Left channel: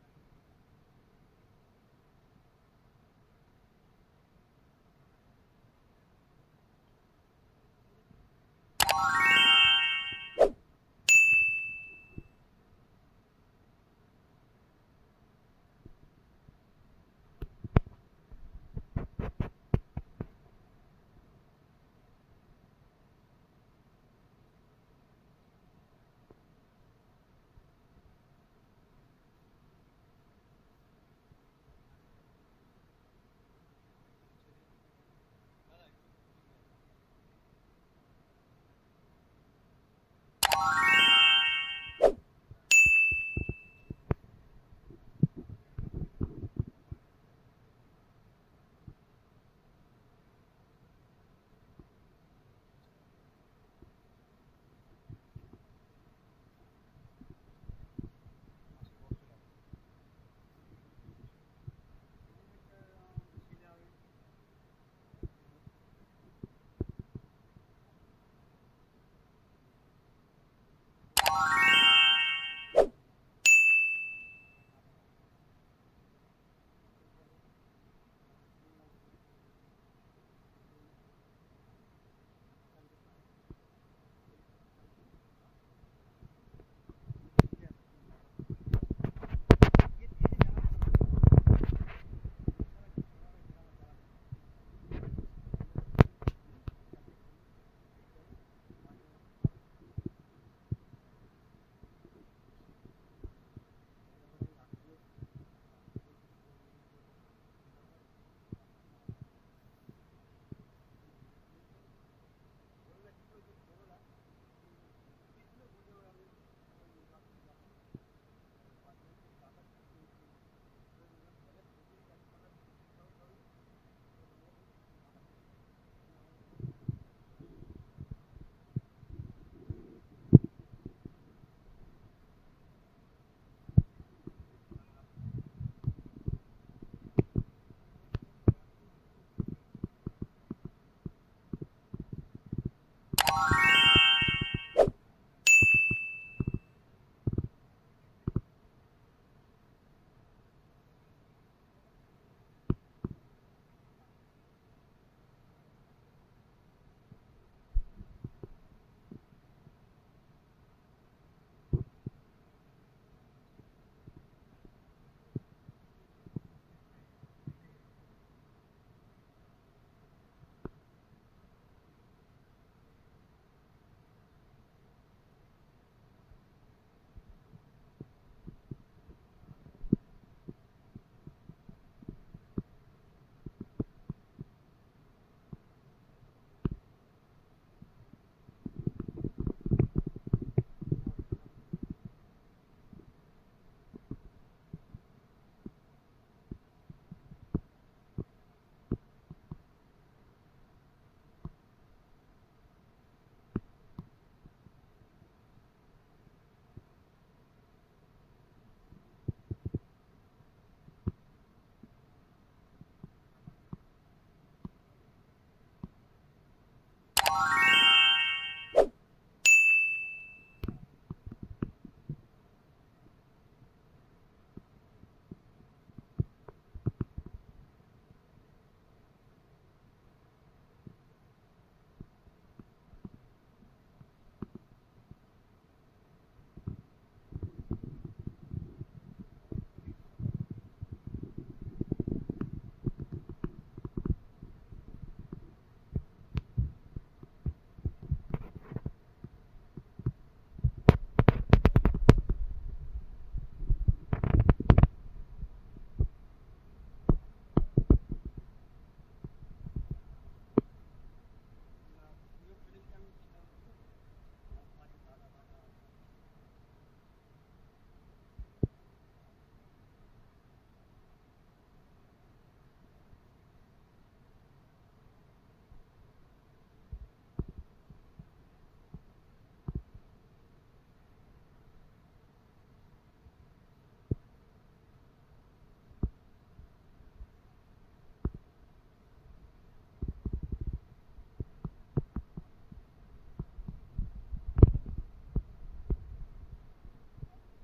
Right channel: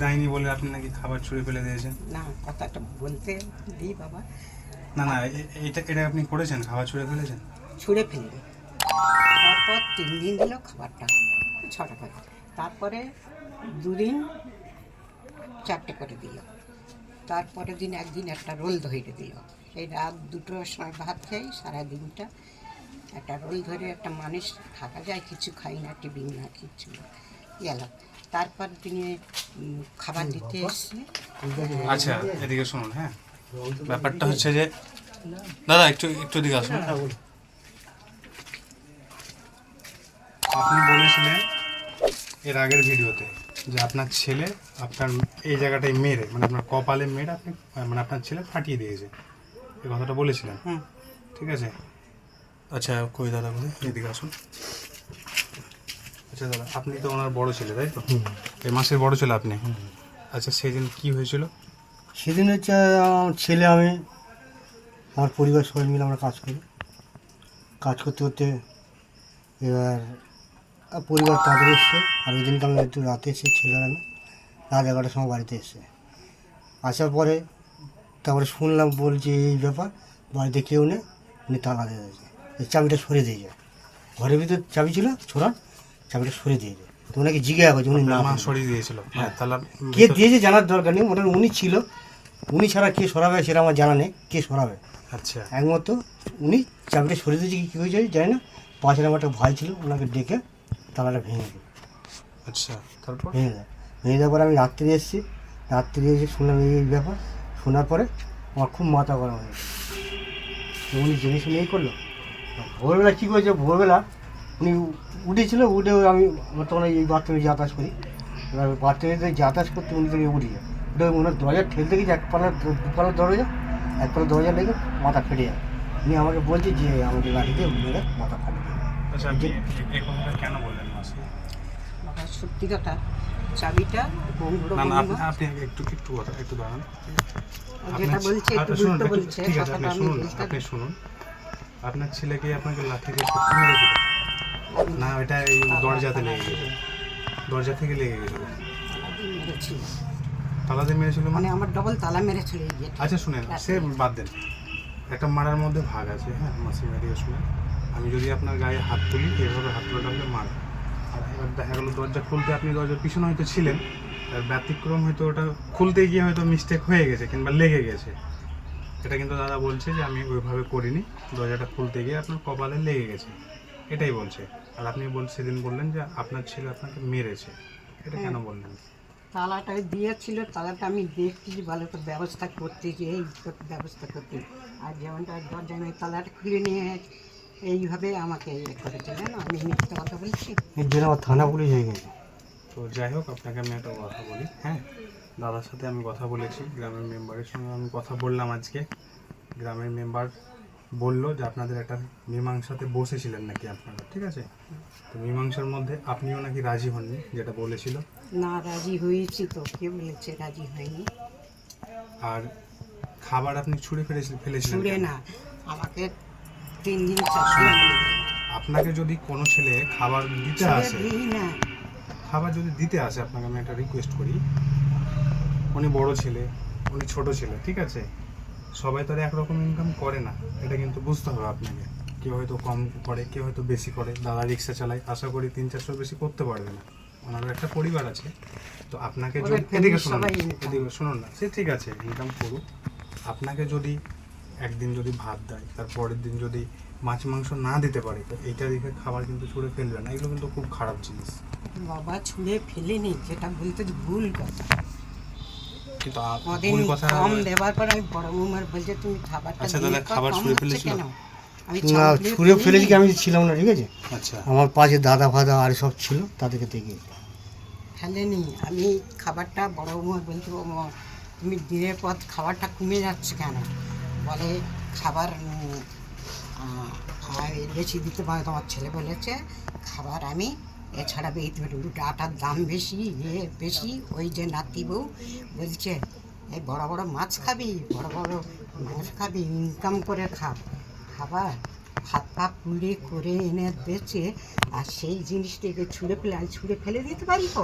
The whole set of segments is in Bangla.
দেয়নি বলে আপনি নাকি খাবার ছুঁড়ে ফেলে দিয়েছেন? না, কথাটা বলতে দিই বাবা। না না, এটা আপনি করেছেন, খাবার ছুঁড়ে ফেলেছেন? ছুঁড়ে ফেলবে, তারপর 3 দিন দিল খাবারটা 6টা করে, তারপরে 2 দিন 4টে করে দিল, তারপরের দিন একদিন একটা রোল ধরে দিল। এই রাত 2টোর সময় ভাত খাই, সারাদিনটা একটা রোল ধরে একটা মানুষ থাকা যায়, কিছু খাই না, টিফিন না, কিছু না, গেল। তারপর তিনি খাবার দিতে এসছে। আচ্ছা, এদিকে শুনুন। হ্যাঁ, ব্যাপারটা হচ্ছে যে দাদা একটু দিকে আসুন। আপনি বলেছিলেন এর আগের ভিডিওতে যে আপনার ছেলে আপনার এই জায়গাটায় মেরে, মানে আপনার কপালে মেরে আপনি, মানে আপনার ছেলে ফাটিয়ে দিয়েছে, এই কথাটা বলেছিলেন। ঠিক আছে। আচ্ছা কই দাদা, বলে এদিকে আসুন। আচ্ছা দাদা, আপনি তো ওনার বড় ছেলে, তাই তো? এই মাসের বড় ছেলে আপনি। আচ্ছা, সেদিন কি হয়েছিল? সেদিন হচ্ছে আমার ছেলে, আমি, আমার পরিবার সবাই মিলে আমরা কাজ করি। কাজ করতে করতে এবার পরিবার তাদের এসছে, আর ওই দিনকে আমি একটু রাতে এসে, ছেলেরা না রাত 11টার সময় বাড়িতে এসছে। আসার পরে তারপরে শুনলাম, বলছে এই ব্যাপার, বাড়িতে কেউ নেই, উনি তালা দিয়ে দিয়েছে, এই চাবিটা সরে দিয়ে যায়, ঘরের ভিতরে চাবি ছিল ছোড়া, চাবিটা সরে দিয়ে যায়। তো ওনাকে জিজ্ঞাসা করছে, উনি না মা সরিয়ে দিয়েছিল? হ্যাঁ, তাহলে কে দিয়েছে জানার দরকার নেই, মোটামুটি উনি ছিল, উনি ছাড়া কে সরাবে সেটা আমার জানা নেই, কে সরাবে। আচ্ছা, একমাত্র উনি চাবিটা সরিয়ে দিয়েছে, কী হয়েছে জানি না। পাশের আমার একটা ভাই ছিল, ওনাকে ডেকে তালাটা ভেঙে দিই। আচ্ছা, তারপর ভেঙে দেওয়ার পরে আমি রাত্রে এসেছি, রাত্রে এসে শুনলাম এই ব্যাপার। শোনার পরে আমার খুব মাথা গরম হয়ে গেছে, উনি জেনে শুনে এই করলো। ভোরবেলা কী করেছে, ভোরবেলা উনি উঠেছিল, উঠে আমি তখন এই বাথরুমে যাতায়াত করি, এবার বাথরুমে যাতায়াত করতে উনি থেকে উঠে যায়, উঠে ওনার দরজা ঠেলতে গেছে, দুপালার দরজা, একপালার দরজা লেগে মাথা ফেটে যায়। উনি আমাকে বলছে যে আমাদের গাড়িতে মেরে মাথা ফাটিয়ে দেবে। আচ্ছা, আপনি এই কথাটা কেন বললেন মাসি? বাবা সত্যি কথা, চাবিটা বন্ধুরা না না, আপনি একটু দাঁড়ান। যেটা বলছে একটু শুনুন, উল্টো বলছে, ঠিক আছে, কথাটা আমি বুঝতে আপনি শুনুন। আপনার ছেলেকে আপনাকে লাঠি দিয়ে মেরেছিল না? এটা এই দরজাতে লেগে গেছে, দরজা থেকে লেগে গেছিল, মেরেছিল, তালা দিয়ে মেরেছিল মানে আমার ডবল তালা মেরেছিল এই গেটে। আচ্ছা শুনেন, সে বাদ দেন, একটা মারার মধ্যে ভাগ আছে। হ্যাঁ মাসি, মেরিয়ে শুনেন, আমি যদি আপনার গায়ে হাত তুলি, এইভাবে হাত তোলাটা হলে মার, আর এবার দেখা গেলো দরজা খুলতে আপনি দরজার পিছনে হয়তো ছিলেন, আর ব্যতিক্রম হয়তো ওটা খুলতে গিয়ে হয়তো মিস্টেক হয়ে গেছে কিংবা লেগে গেছে। এটা কিন্তু দাদা বলছে যে আমি ওইভাবে করিনি, দরজাটা খুলতে গিয়ে আপনার কপালে লেগে গেছে, এটাই বলছে। আর আপনি সেদিন বললেন যে আপনার ছেলে আপনাকে মেরেছে, এটা কেন বললেন? তালাটা দিয়েছিল, তালাটা আমি দেখছি ভালো করে ব্যবস্থা করতে গিয়ে এই ব্যবস্থা করতে, আর যেমনটা দরজায় আমি তালাটা খুলে নিয়ে এইভাবে আমাকে ইয়ে করেছিলেন। আমি মিথ্যে কথা বলছি? এর জন্য আমার থানা পুলিশ হয়ে গেছে। তো যাই হোক, আপনাকে আমি একটা কথা বলি। হ্যাঁ, দাদার সাথে আমি কথা বলেছি, গ্রামের মেম্বারের সঙ্গে আমি কথা বললাম আজকে। গ্রামের মেম্বার বললো যে আপনাদের একটা মীমাংসাতে বসেছিলেন নাকি আপনারা, ঠিক আছে? তো মীমাংসার মধ্যে আপনিও নাকি রাজি হননি, যেটা বলেছিল। না, রাজি হয়েছি তো, কে বলেছে রাজি হয়নি? আর খাবার আপনি ছুঁড়ে ফেলেছিলেন ছুঁড়ে কেন? না, আমাকে 3 দিন 4 দিন আপনাকে যদি কোনো ছেলে খাবার দিতে আসে, দিই না। খাবার যদি দিতে আসে, আপনাকে আমি একটা রিকোয়েস্ট করি, উনি বড় ছেলে, উনি ছোট ছেলে, ঠিক আছে? সবাই তো আর একরকম ইনকাম করে না, এটা কিন্তু বুঝতে হবে আপনাকে। কেউ হয়তো কম করে, কেউ হয়তো বেশি করে। দাদা রিক্সা চালায়, আশা করি 300-400 বেশি করতে পারবে না, ওনারও একটা পরিবার আছে। তো আপনাকে যদি এদিকে শুনুন না, সে ঠিক আছে, ইনকাম করুক। আপনাকে যদি একদিন যদি ভাত দেয়, তার পরের দিন যদি মাছ মাংস না দিতে পারে, তো এইটা দেখে খাবার কিন্তু ছুঁড়ে ফেলবে না, এগুলো কিন্তু খুব খারাপ জিনিস। বাবা ছুঁড়ে ফেলিনি, যেটা বলতে ভুল কথা। কিন্তু কদিন ভুল কথা। কম দেওয়ার পর আমি বড় বৌমার বলছে তুমি খাবারটা আচ্ছা দিয়ে দাদা, খাও, খাবার কম ছুঁড়ে হচ্ছে ফেলেছিল? কেন? আমি না, ছুঁড়ে ফেলেছি কি, আমি ছিলাম না, ঠিক আছে? আচ্ছা, আমার পাশে দাদা ফাদা আর সব ছিল, তাদেরকে দেখে ফেলেনি। আমি খাবারটা বড় বৌমার বলছি, বৌমা তুমি দিনের পর খাবারটা কমে যাচ্ছে কেন? বলে খাবার বেশি দিতে পারে, তোমার ছেলে বলেছে খাবার আমি এছাড়া উল্টো আটার দাম বেশি, বেশি। ওই যে নাতি বউ বলছে এই বড় বড় মাছ খাবি, বড় বড় মাছ খাবি, ইনকাম করে খাবার হাত পা পুড়ে করে এনে বেচে, আর সেই জিনিসটাকে ছুঁড়ে ফেলে দিতে পারি তো?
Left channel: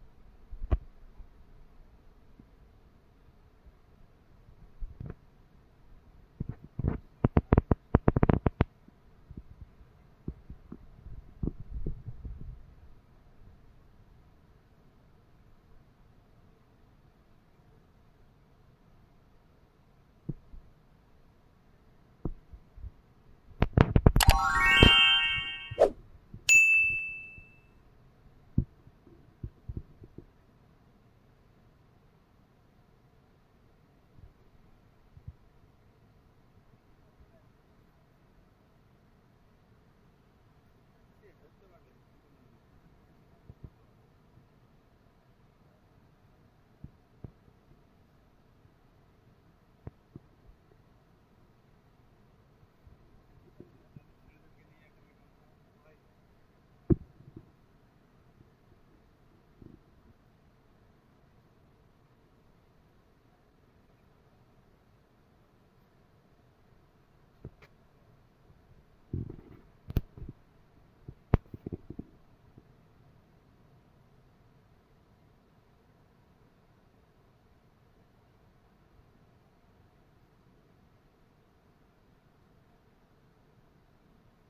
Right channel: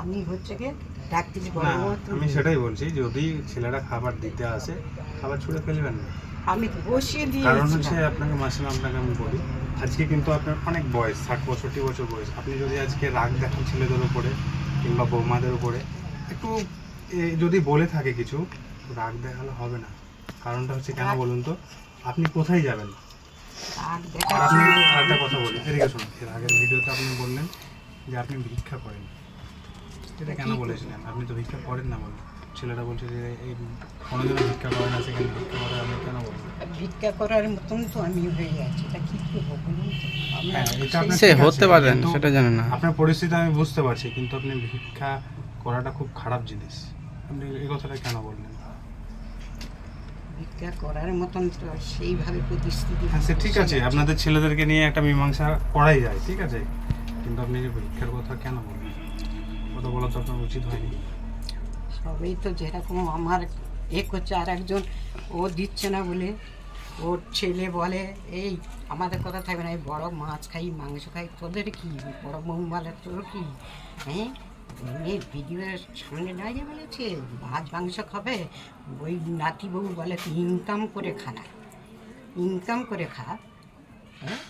আমি হচ্ছে গিয়ে ডাক দিলে বড় না বৌমা তো আমি সেটাই বলছি, যদি ছেলেরা খাবার দিতে আসে খাবার ছুঁড়ে ফেলবেন না। আমি বসিয়ে কারণ হচ্ছে দিয়েছিলাম। আপনাকে মাসিমা, আপনাকে আমি বলি, আজকে কিন্তু আপনার অনেক বয়স, 60-65 বছর বয়স। আপনি যদি আজকে রাগ দেখান ছেলেদের উপরে কিংবা বৌমাদের উপরে, একটু যদি বলে থাকে কিছু, রাগ দেখালে হবে না। কারণটা হচ্ছে কেন বলুন তো, আপনি কোথায় যাবেন? আর আর আপনি দেখাচ্ছি আরেকটা কথা বলি, এদিকে শুনুন, এর আগের ভিডিওতে আপনি বললেন যে আপনি ভিক্ষা করেন। এটা কেন বলেছিলেন? আপনি তো ভিক্ষা করেন না বলেন। ছেলেরা বলছে যে এই কোনোদিনও ভিক্ষা করে না, সেখানে ভিক্ষা করে, আপনি কেন বলবেন? ভিক্ষা করার মতন তো আমি হয়ে যাচ্ছি, এটা কি করবো বলুন তো? আমরা হ্যাঁ, এটা আপনার সে ঠিক আছে, হতে পারেন কিন্তু সেটা জানেন না। আপনার পরিস্থিতি আমি বুঝতে পারছি, কিন্তু আপনি ভিক্ষা করাটা খুব খারাপ জিনিস। আপনি এই কথাটা কেন বললেন? ভিক্ষা করার মতন তো সেইভাবে পরিস্থিতি হ্যাঁ, সে ঠিক আছে, আপনাদের ছেলেদেরকে নিয়ে একটা মীমাংসা করাই যায়, ঠিক আছে, কিন্তু আপনি যে ভিক্ষার কথা কেন বললেন? কথা বলা তো আপনার উচিত হয়নি। সবই তো যেরকম আমার করছে, আর একজন ও দিচ্ছে না বলে ওর ছেলে বলে এই আমাদের কথা থাকবে না, এই বড় মাছ খাই মাংস খাই, তোদের কি? বড় বউ বলে তোর কি? হ্যাঁ, ভিডিওর সামনে দাঁড়িয়ে বলেছে মাছ মাংস খাবে, ওই নাতি বউ বলে তুই ইনকাম করে খা না, ইনকাম করে খা। হ্যাঁ,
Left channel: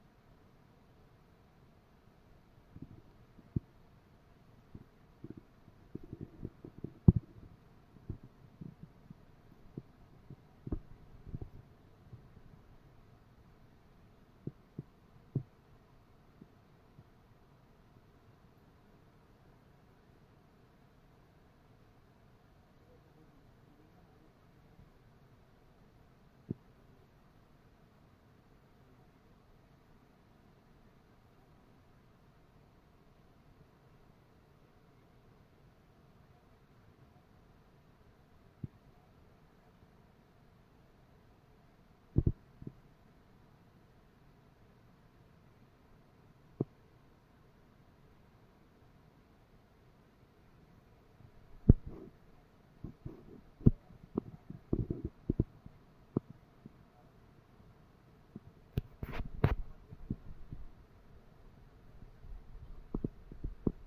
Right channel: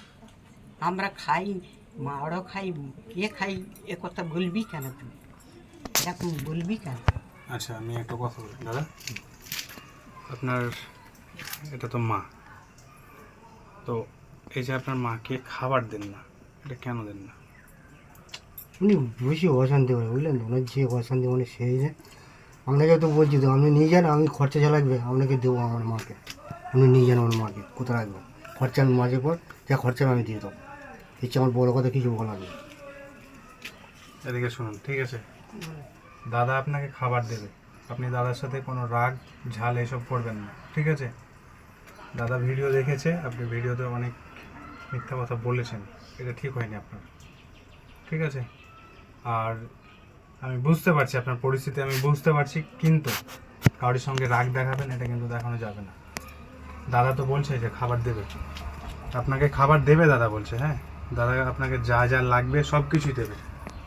আমরা খাই, মারও খাই, কে খাই, এ কথা বলবি কেন তুই? এরকম বলবি কেন? আচ্ছা, আমি একটা কথা বলি দাদা, আপনার এটা তো মা, তো এই যে আপনার মাকে খাবার দেন না, এটা কেন দেন না? উনি বেশি অশান্তি করে, বুঝলেন তো, ওনার যে অশান্তি মানে সেই যে আপনাকে তো বলছি তো, আপনি নিয়ে যান, আমি খরচা যা লাগবে আপনাকে দেবো আমার মাকে, আপনি নিয়ে যান আমার মাকে, কোথায় রাখবেন খরচা, আমি মাঝে পর যা খরচা আমি দিয়ে দেবো, হচ্ছে আমার বড় কথা কিছু বলার নেই। এদিকে শুনুন, ঠিক আছে, দাদা আপনাকে খাবার দেবে, আপনি দাদার সাথে কোনো রাগ ঝাল এসব করবেন না, ঠিক আছে? দাদা ভিডিও দেখেছে, আপনি ভিডিওতে অনেক মিথ্যা কথা বলেছেন, এটা ঠিক হয়নি আপনার, ঠিক আছে? আর আমি বুঝতে পারছি আপনার পরিস্থিতি, আমি বুঝতে পারছি, কিন্তু কারোর সঙ্গে রাগ দেখাবেন এটা কিন্তু দেখানো যাবে না। দাদা তো বলছে যে খাবার দেবে, আপনাকে খাবার দেবে দাদা বলছে, হ্যাঁ, দাদা আপনাকে যা যা লাগবে সব কিছুই দেবে।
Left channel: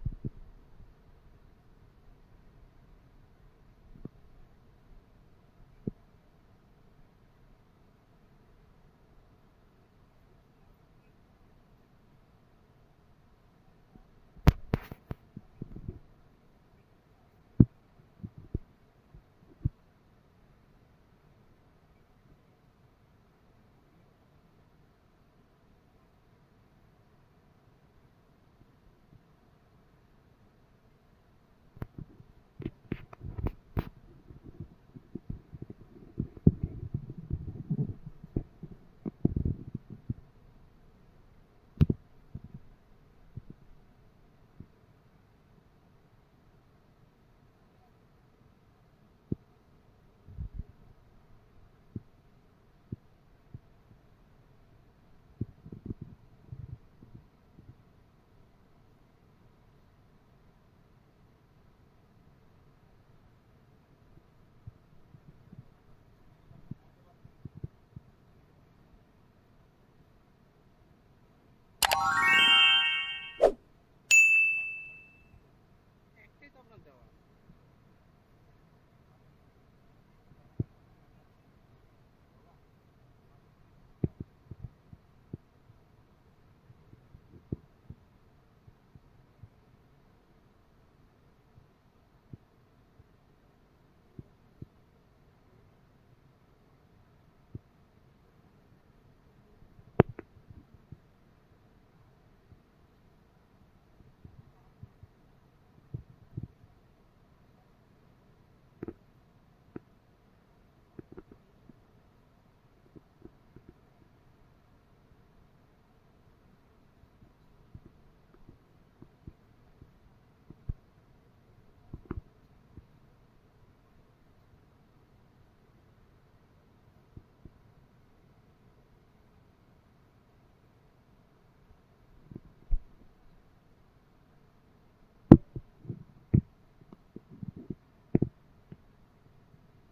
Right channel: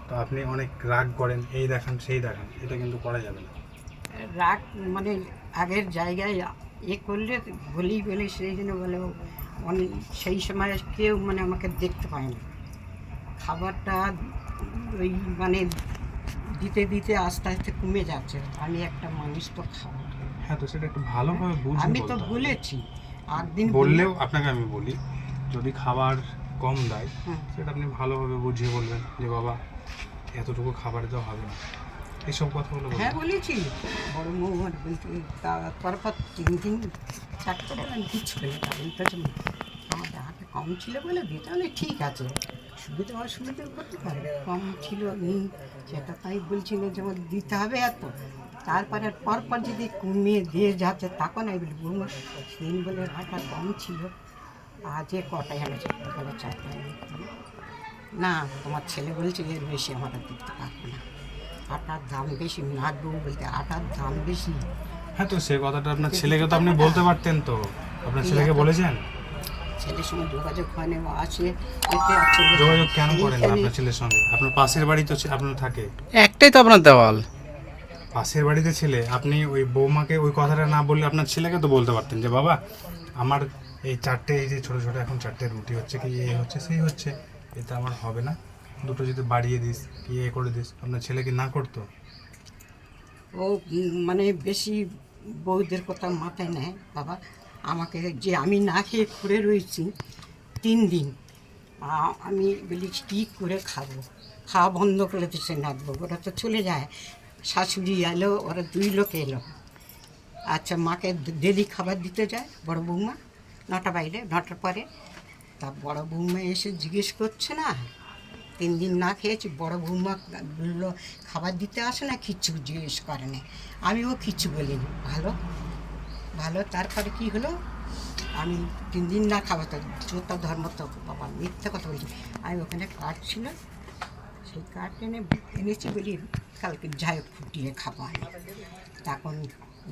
তো আপনি অনেক রাগ করেন, এই দেখান সেই দেখান, এটা কিন্তু করা যাবে না। রাগ মানে আগের জায়গায় করলে বলি সেই জন্য বলে অনেক, সেই সময় কেউ মানে আমাকে দেখতে পায় না, খাবারটা ওই মানে দিতে দিতে আস্তে আস্তে কমে যাচ্ছে, আমি একটা মানুষ তো খাবার, হ্যাঁ, তো সেটা একটু ভালোভাবে বুঝে আমি তো বলতে হবে। বলেছি একদিন বললেও আপনাকে আমি বলি, যদি খাবার কম দেয় হুম। সেটা আপনি ভালোভাবে বুঝিয়ে বলবেন যে বাবা এতটুকু খাবার দেওয়া হবে না, এইসব কথাগুলো বলবেন। হ্যাঁ বলেছি, বড় মৌমার বলতে পরপর 3 দিন 4 টাকা আমি কিচ্ছু পেলে বলতেছে আমাদের হাতে কম ছিল বলে দিতে, তাহলে ঠিক আছে, সুবিধা অসুবিধা করতে পারে, কম ছিল নেই সেটা তাই বলছিল যে আমার দিতে হবে এত, তারপরে পরপর যদি কমিয়ে দিয়ে যাচ্ছে তখন আমি বলি বৌমা সেদিন বলে আটা কম ছিল, আজ এ কটাই এনেছে বলে 4টা না, তোমার ছেলে বলছে এর বেশি আমরা দিতে পারবো না, আটার দাম বেশি, নাট বউ বলতে আটার দাম বেশি। হ্যাঁ, তো সে কথাটা আপনার ছেলেকে তো আপনি বলতে পারতেন, তো আপনার ছেলেকে বলেছেন? ছেলের সঙ্গে যোগাযোগ হয় না, ও আসে এতে আর ছেলে যোগাযোগ কেন করেন না এইখানে- আপনার ছেলের সঙ্গে? আপনার পাশের বাড়ি তো আপনার থাকে, একটাই তো আপনার দেওয়াল। পাশের বাড়িতে ছেলে, আপনি ওই বৌমাকে ওই কথাটা না বললে আপনার ছেলেকে তো বলতে পারতেন যে বাবা আমার এই 4টে, এই যে ছোটো ছোটো এখন 4টে রুটি হচ্ছে, কি এই হচ্ছে সেই হচ্ছে, এতে আমার হবে না, দুটো যদি বাড়িয়ে দিস কি এ করে দিস, আপনার ছেলে কি না করতো? ও মানে বেশি বউদের কথা মাথায় নেয় বাবা, আমাকে যে আমি না খেয়ে ঘুরে রয়েছি 3 দিন, আমি বলি কী করে খাবো, খাওয়া বন্ধ করে দিচ্ছে নাচবো, ওরা তো চলে যায়, শাশুড়ি এলো, ওরা 2 লোক এলো, আচ্ছা মাকে ডেলি খাবার দিতে যায় বড় বৌমা, 9টা বাইরে 9টার পরে, তা বড় বৌমা এসে জিজ্ঞেস করছে না 3 দিন না খেয়েছি, বড় বৌমা বললো খাবার দিতে আসে না, কিচ্ছু জিজ্ঞেস করে না, আমিও কিচ্ছু বলিনি, ভালো ভালো, তারপরে কি হলো, আমি 3 দিন না খাবো তো জোতা ধর্ম তো বাবা মিথ্যে কথা বলছি, আমি ওখানে কাঠ ছিল সেই কাঠ এনেছি বলি কালকে যাই ফুটিয়ে খাবো আমি, তখন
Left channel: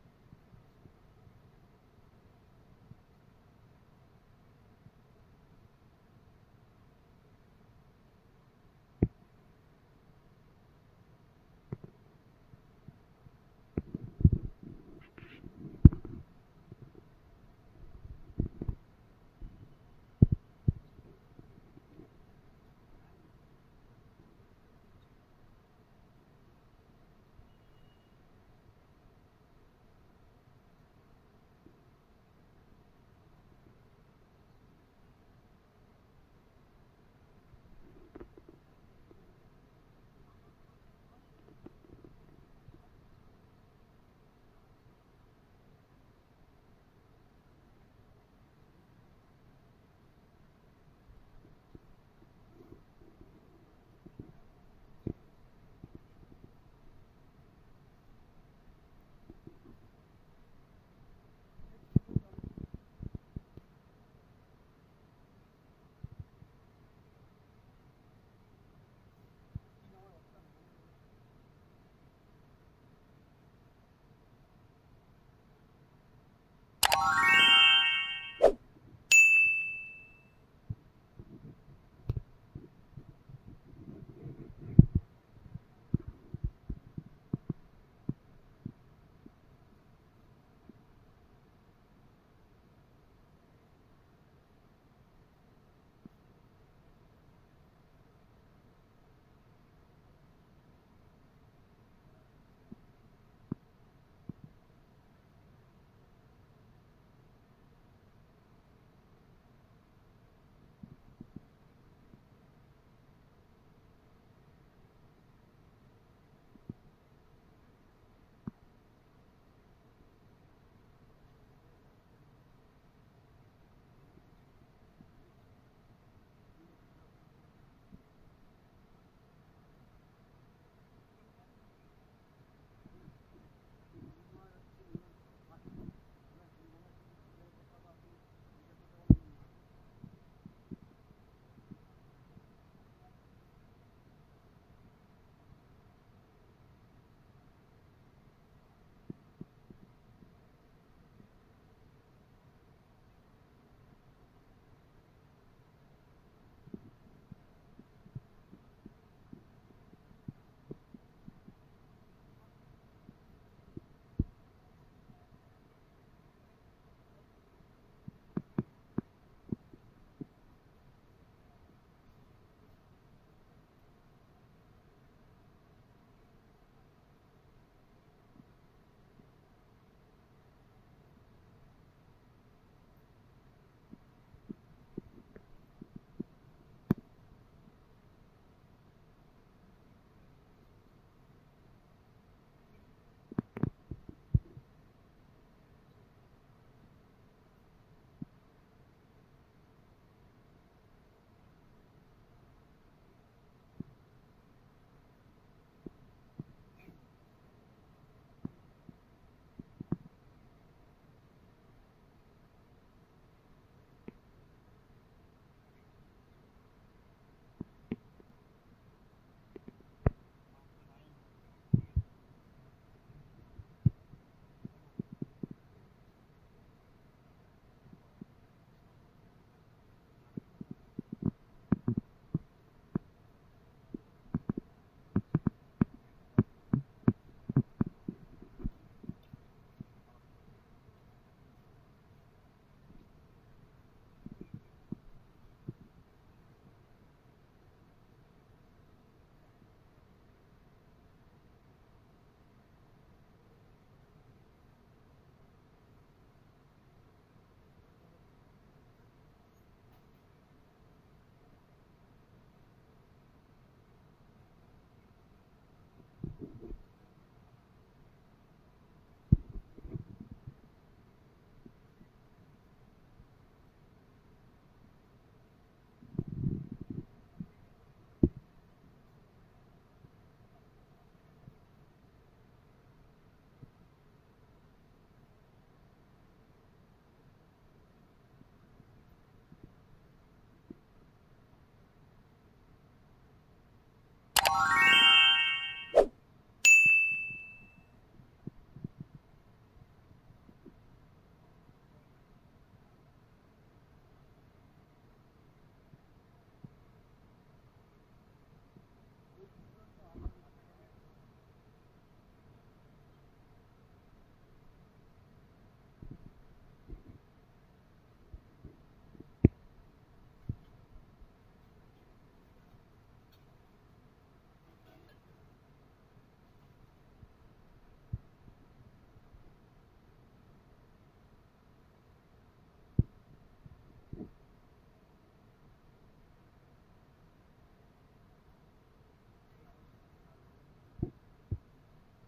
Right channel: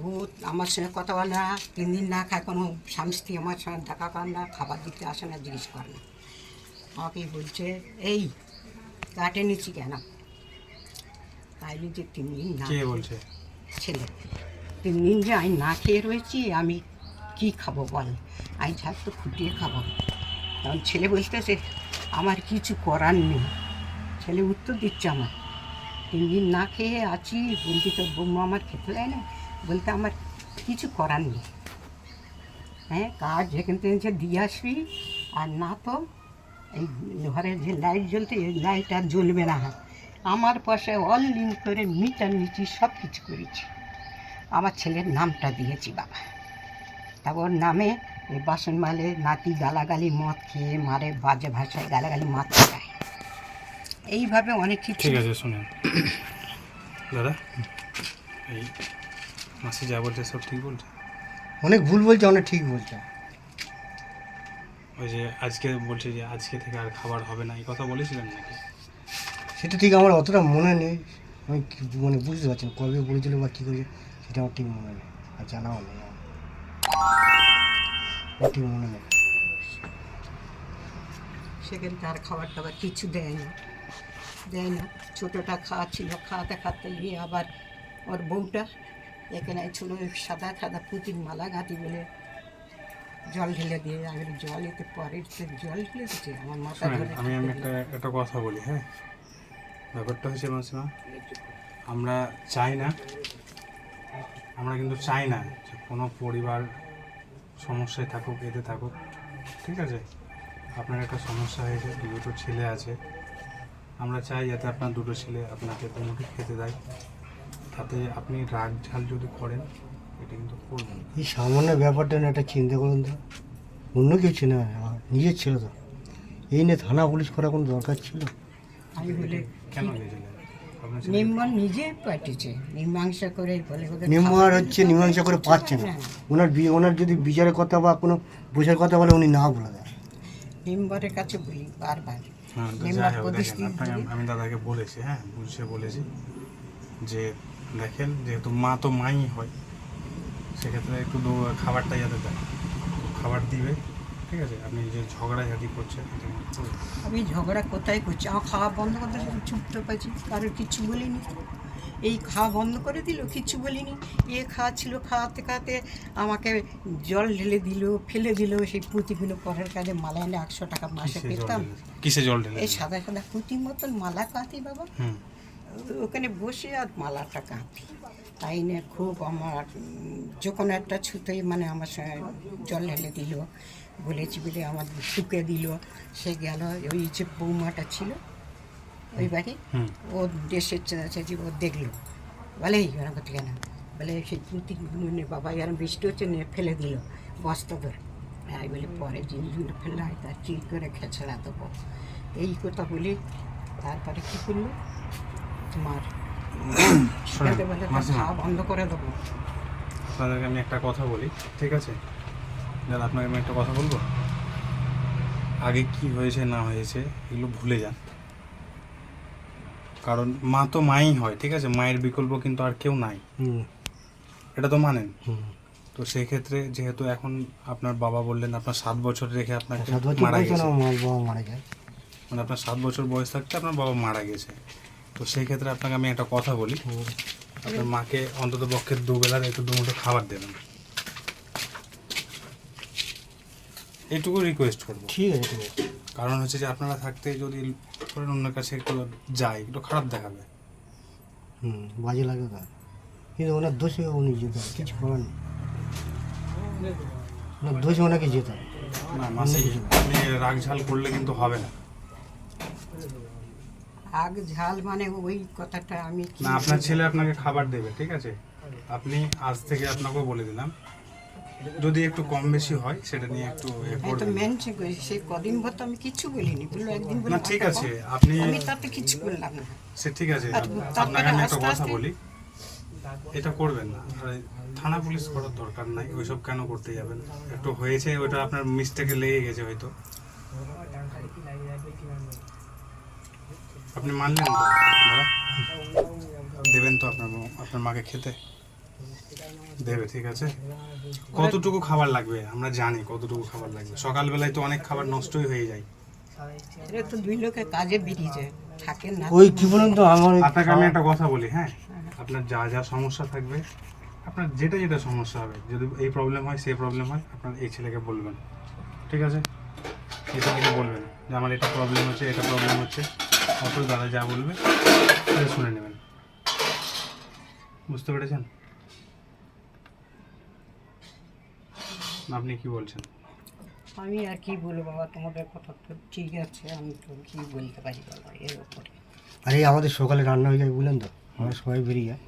ও আমার সঙ্গে কথা বলে না, 3 দিন না খায়, কোনো স্বামী স্ত্রী আমার সঙ্গে দেখা করে না, খাবার দিতে আসে না, জিজ্ঞেস করে না, আমাকে বলছে এই কাঠ এনেছি কেন, তাই যে 3 দিন না কে বলছে? ছেলে 3 দিন যে আমি না খেয়ে রয়েছি, আমি কি খাবো বল, আমি ছাড় তো খুঁটিয়ে খাবো। তখন ছেলে বলতেছে আমার কিছু করার নেই। ছেলে উত্তর দিচ্ছে আমার 3 দিন না খেয়ে আছি, বলছি তোর বৌমা আমার খেতে দেয় না, বলতে আমার কিছু করার নেই। হ্যাঁ, কাজ যেখান থেকে দিয়ে আসবি, আর না তো এই ঘরের যে লাইট জ্বলতে, এই লাইট আর জ্বলবে না। আমার পয়সায় অনলাইন করে মিটার নিচ্ছি, সব কিছু করেছি। আমার ছেলের নামটা দিয়েছি বাবা। তারপর নামে এই বাসন মালে নাতি গালাগালি, মদ খেয়ে মারে, বাজে ভাষায় গালাগালি মারতে যায়। এইভাবে অনেক কিছু। ঠিক আছে, শুনুন দাদা, এই মাসি যা বলছে সব ঠিক বলছে? অনেক ভুল বলছে, অনেক ঠিক বলছে। ওই যে আজকে বলছে যে আজকে থেকে আর খাবার হবে না, এই কথা বলেছিলেন নাকি? সেটা ঠিক আমার অতটা মনে নেই, আমি মানে বুঝতে পারছি না কবে বলেছিল বা কী করেছে, সেটা আমার ঠিক মনে নেই, আর জানাও নেই আমার, ঠিক মনে নেই। সেখান থেকে আর খাবার টাবার কিছু দেয় না। ছোটোটা খাওয়াচ্ছিল, খাওয়াতে খাওয়াতে গিয়ে আবার ওর বউটা এখানে ছিল সাদা সাদা পুঁতির মালা গাঁথি বলে জল ঢেলে দিয়ে, আমি জল এতে পরে জল ঢেলে দিচ্ছে আমার মাথা শোনেন, ধরে। আমি একটা কথা বলি। হ্যাঁ, ব্যাপারটা হচ্ছে মাসিমা, আমরা কিন্তু চাই না যে কোনো পরিবার সমস্যায় থাকুক, এতে থাকুক, ঠিক আছে? আপনার একটা সমস্যা হয়েছে, দুটো ছেলে আছে, আমরা চাই যাতে আপনার দুটো ছেলে আপনাকে দুমুঠো খেতে দেয়। তাতে আপনি রাগ ঝাল যদি করেন, এটা কিন্তু করবেন না। এই সামান্য ব্যাপারটা না একটা চিন্তা করুন তো, অন্য কিছু না, আমার নিজের ছিল তো, এই নিয়ে থানা পুলিশ করা কোনো দরকার ছিল? আমি বলে কেন গেছিলেন? আপনার ছেলে নির্মাণ নিজে পাঠিয়েছে, মীমাংসা করে বলে ওদের নির্মাণ হচ্ছে মীমাংসা করে পাচ্ছে না, ওনার যদি বিচারের কথা বা কোনো বোঝার কথা বলে উনি না বলে দেয়। মেম্বারের কাছে বলি বারবার, হ্যাঁ, তো মেম্বার যাই হোক, প্রতিষ্ঠিত দেখেন, আপনাকে আমি দাদাকে বলেছি, হ্যাঁ বুঝে বলেছি যে দেখেন, যেহেতু মা তো মাই হয়, সেক্ষেত্রে একটু খাবারটা যাতে দেয়, খাবার দিবে, ঠিক আছে? আপনি যে ঝগড়াঝাটি করছেন, এটা কিন্তু করবেন না। আমি ঝগড়া কোথায় করছি, আমার খাওয়া বন্ধ করতে চুপ তো পাচ্ছি, কারোর কিচ্ছু বলিনি। এই খাওয়া বন্ধ করে দিল, কিচ্ছু বলিনি। খাওয়াচ্ছিল, খাওয়াতে খাওয়াতে আমাকে জল ঢেলে দিল, ফেলে দিল। সেই পুঁতিগুলো পরের কাজে মালা এনে 100 টাকা মাসে পেতাম। কিসে জল ঢেলে? এই সাদা সাদা পুঁতির মতন মালা কাঁতি বাবা, হুম, ওখানে বসে আর মালাটা কাঁতি। তাই নিয়ে খুব আমার যখন একটা ছুতোই মানে আমার সঙ্গে জল ঢেলে দিল, বলেছি বলে আমার শুকে দিল। সে গেল, ওই যে বৌমাটা ছিল ওই বাড়ি, হুম, ও দেশের চাচি, ও দেখলো, বলে এই ওরা করতে কেন, বলে সেই পুঁতি বাবা এরম বৃষ্টি হচ্ছে, নিয়ে ফেলে দিল বস্তা ধরে। আমি বলি পরে জিনিসগুলো ফেললে হয় তার চিল করে খেছড়া দেবো, এই কথা বলি। তারপরে কী করলো তোমার, শোনেন, খেতে বলে তার মাসিমা, খাওয়া বন্ধ করে দেবো। আপনাদেরকে আমি একটা কথা বলি, ঠিক আছে? দাদা, আপনাকে আমি একটা কথা বলবো। আগে কি হয়েছে না হয়েছে এগুলো ভুলে যান, কারণ মা তো মাই হয়, ঠিক আছে? মায়ের বিকল্প কিন্তু আর কেউ নাই, এটা তো মানেন। তো সেই ক্ষেত্রে যেহেতু এখন আপনার বাবা বললেন আপনার 7 বছর রেখে আপনাকে 7 বছর মারা বয়সে গেছে, আমার বাবা মারা যায়। মানে আপনার 7 বছর বয়স থাকতে আপনার বাবা মারা গেছে। তো সেই ক্ষেত্রে আপনাকে আমি একটা কথা বলি, আপনার মাকে অন্তত পক্ষে দুবেলার একটু দুমুঠো খাবার দেবেন, এইটুকু রিকোয়েস্ট করবো। ঠিক আছে, ঠিক আছে। কারণ হচ্ছে যে আপনারা থাকতে যদি ধরেন অন্যের কাছে একটু যায়, একটু খারাপ দেখাবে। বাজে লাগে তার, কিন্তু ওনার দোষে উনি যেতে হবে, কিছু করার নেই, ওনার দোষে ওনাকে যেতে হবে। না মাসি, আপনি রাগ ঝাল করলে কিন্তু হবে না। আগ ঝাল মানে ওই কথাটা আমি কি না, আপনার ছেলে আপনাকে খাবার দেবে, ঠিক আছে? আপনি আজ থেকে আপনাকেও বলে দিলাম, যদি একটু কম বেশি হয় সেটা নিয়ে একটু আমি তো করবেন। মেনছে করি, সেই কদিন ভর তো আমি কিচ্ছু বলিনি, বললো একদিন বলে না ঠিক মাথা আছে, কম। আপনি আমি তাতে কিছু করলাম না। সে ঠিক আছে, আর আপনাকে আমি একটা আস্তে কথা আস্তে- বলি, এটা করবেন না। আর এই থানা পুলিশ করার দরকার নাই, ওইসব কেন করতে যাবেন? একটু হয়েছে, ওইটা আপনার মিস্টেকে লেগে গেছে হয়তো, আপনি মানলেন তো দাদা? দেবেন তো আপনার মাকে খেতে দেবে, ঠিক আছে? কতটুকু খাবার লাগবে আমরা জানি, কতটুকু খাবার লাগবে। সকালবেলায় তো অনেক খাবার নষ্টই হয়ে যায়। এটা তো 2 লোকে কাজে বেরিয়ে যায়, থাকেন না ওই কি বলুন তো আমার ওই আপনাকে আমি একটা কথা বলি, হ্যাঁ, আপনার যা যা সমস্যা থাকবে, আপনার যেটা যেটা সমস্যা হবে, যদি এই প্রবলেম হয় সেই প্রবলেম হয়, আপনার এই ছেলেকে বলবেন, ঠিক আছে? এই ছেলেকে বলবেন যে আমার এটা প্রবলেম হচ্ছে, এটা প্রবলেম হচ্ছে, অথচ দাদা যা বলবে সেটা শুনে নেবেন। বুঝতে পেরেছেন? না, আপনি কি বলছেন? আমি আর কি বলবো বাবা, তোমাদের কথা তো ঠিক আছে, আমি তো কি বলতে পারি বাবা এর উপরে। আরে আমাদের সকালে রান্না হয়ে যায় বুঝলেন তো, আমরা সবাই বেরিয়ে যায়,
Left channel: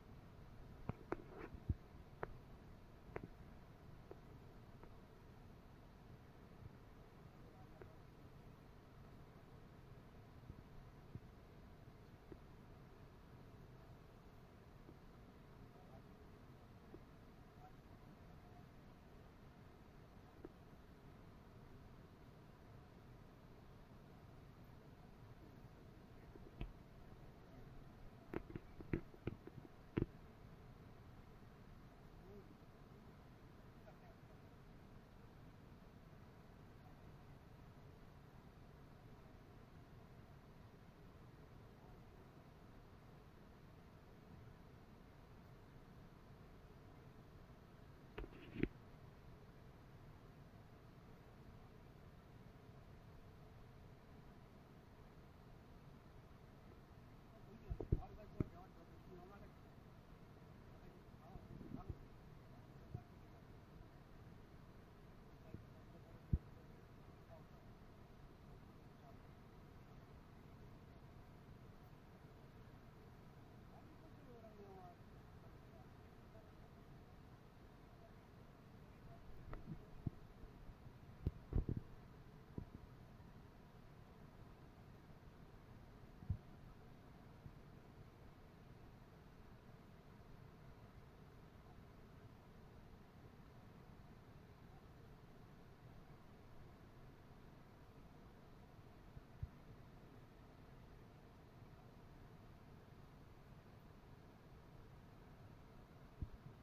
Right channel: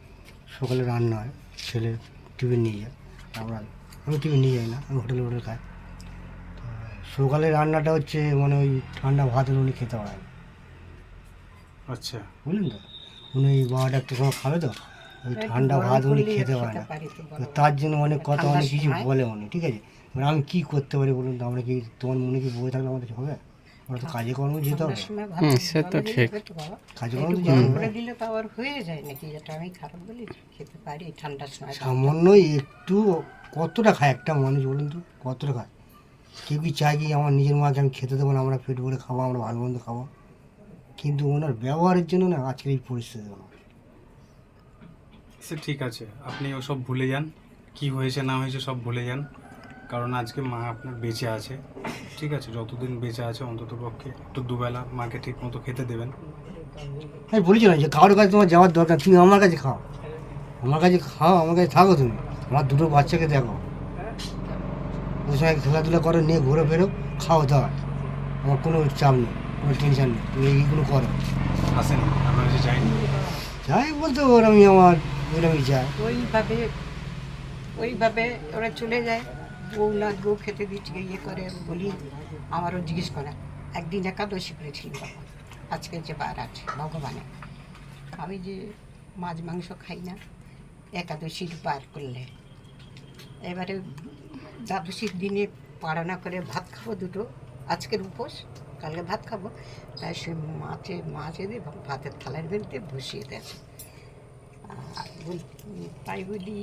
সকালে রান্না হয়, ছেলে টিফিন নিয়ে যায়, আমি টিফিন নিয়ে যাই না, আমি হোটেলে খাই। সকালে রান্নাটা হচ্ছে মানে ওই ঠান্ডা ভাত উনি খেতে পারেন, আচ্ছা, বুঝলেন তো, উনি 12টা একটা সময় খাবে তো, ওই ঠান্ডা ভাত উনি খেতে পারে না, পারি তো তো বলো। তার জন্য অনেক কথা ঠান্ডার অনেক কিছু সময়? বলে উনি, ঠিক আছে? এবার আমি কী করতে পারি বলুন তো, আমরা কি তোমার মনে কি বয়ে থাকলে আমাদের হবে? আমরা তো কাজে কর্মে যেতে ঠান্ডার হবে, সময় ভাত সে তো জলে ঠিক। দিলে তো বাবা, কাজে একটু কর্মে তো গরম যেতে করে হবে। দিলে তো আবার হয়ে যায় নাকি, এটা আমি খারাপ বলি? খেতে পারি ঠান্ডার সময়। সামান্য একটু কতটা খায় একটা মানুষ বলুন তো, কতটা খায়? কেউ কি চায় কি আমার নিজের মাকে আমি খেতে দেবো না, আমরা পেট ভরে খাবো, আমরা ভালো মন্দ খাবো? কিন্তু ওনার ব্যবহারের জন্য না আজকের এই পরিস্থিতি হলো। সে ঠিক আছে, আপনি ওসব ভুলে যান, কি হয়েছে না হয়েছে সব ভুলে যান, কারণ আজকে মা আপনার বেঁচে আছে, ঠিক আছে? যতদিন বেঁচে আছে অন্তত পক্ষে একটু দুবেলা মাকে ঠিক মতো খেতে দেবেন। আমি বলেছি না যে কারোর কাছে তোমার যাওয়ার দরকার, তুমি আমার কাছে খাও, আমার কাছে খাও, আমার কাছে থাকো, তুমি আমার দুটো বাচ্চাকে দেখো, ওই সময় খেলাধুলা করো, নিয়ে ঘুরে ফেরো, খাও দাও, আমার কোনো চাপ নেই, কোনো টেনশন নেই, তুমি এইগুলো করো। আসেনি আপনার কাছে যায়নি? যাই বলতে ওরমই আমার ওইরমই যায়। ওইভাবে ওরা চলে যায়, বউ না বউ খেতে দিচ্ছে ইয়ে করে বলি, আমারও জিজ্ঞেস করে। একদিন একাদশী করেছিল বাবা, আজকে যে বার আছে ভগবানের, আমি যে মাছ মাংস খাই না, একাদশীর বার করলে এবারে দ্বাদশীর দিনে পাড়ানা করে ভাত খাবো দুটো, আজকের উপোস, কালকে ভাত খাবো, তাই সে মাছ এনে ভাতের থালার মধ্যে বসিয়ে দেয়। তাই বলি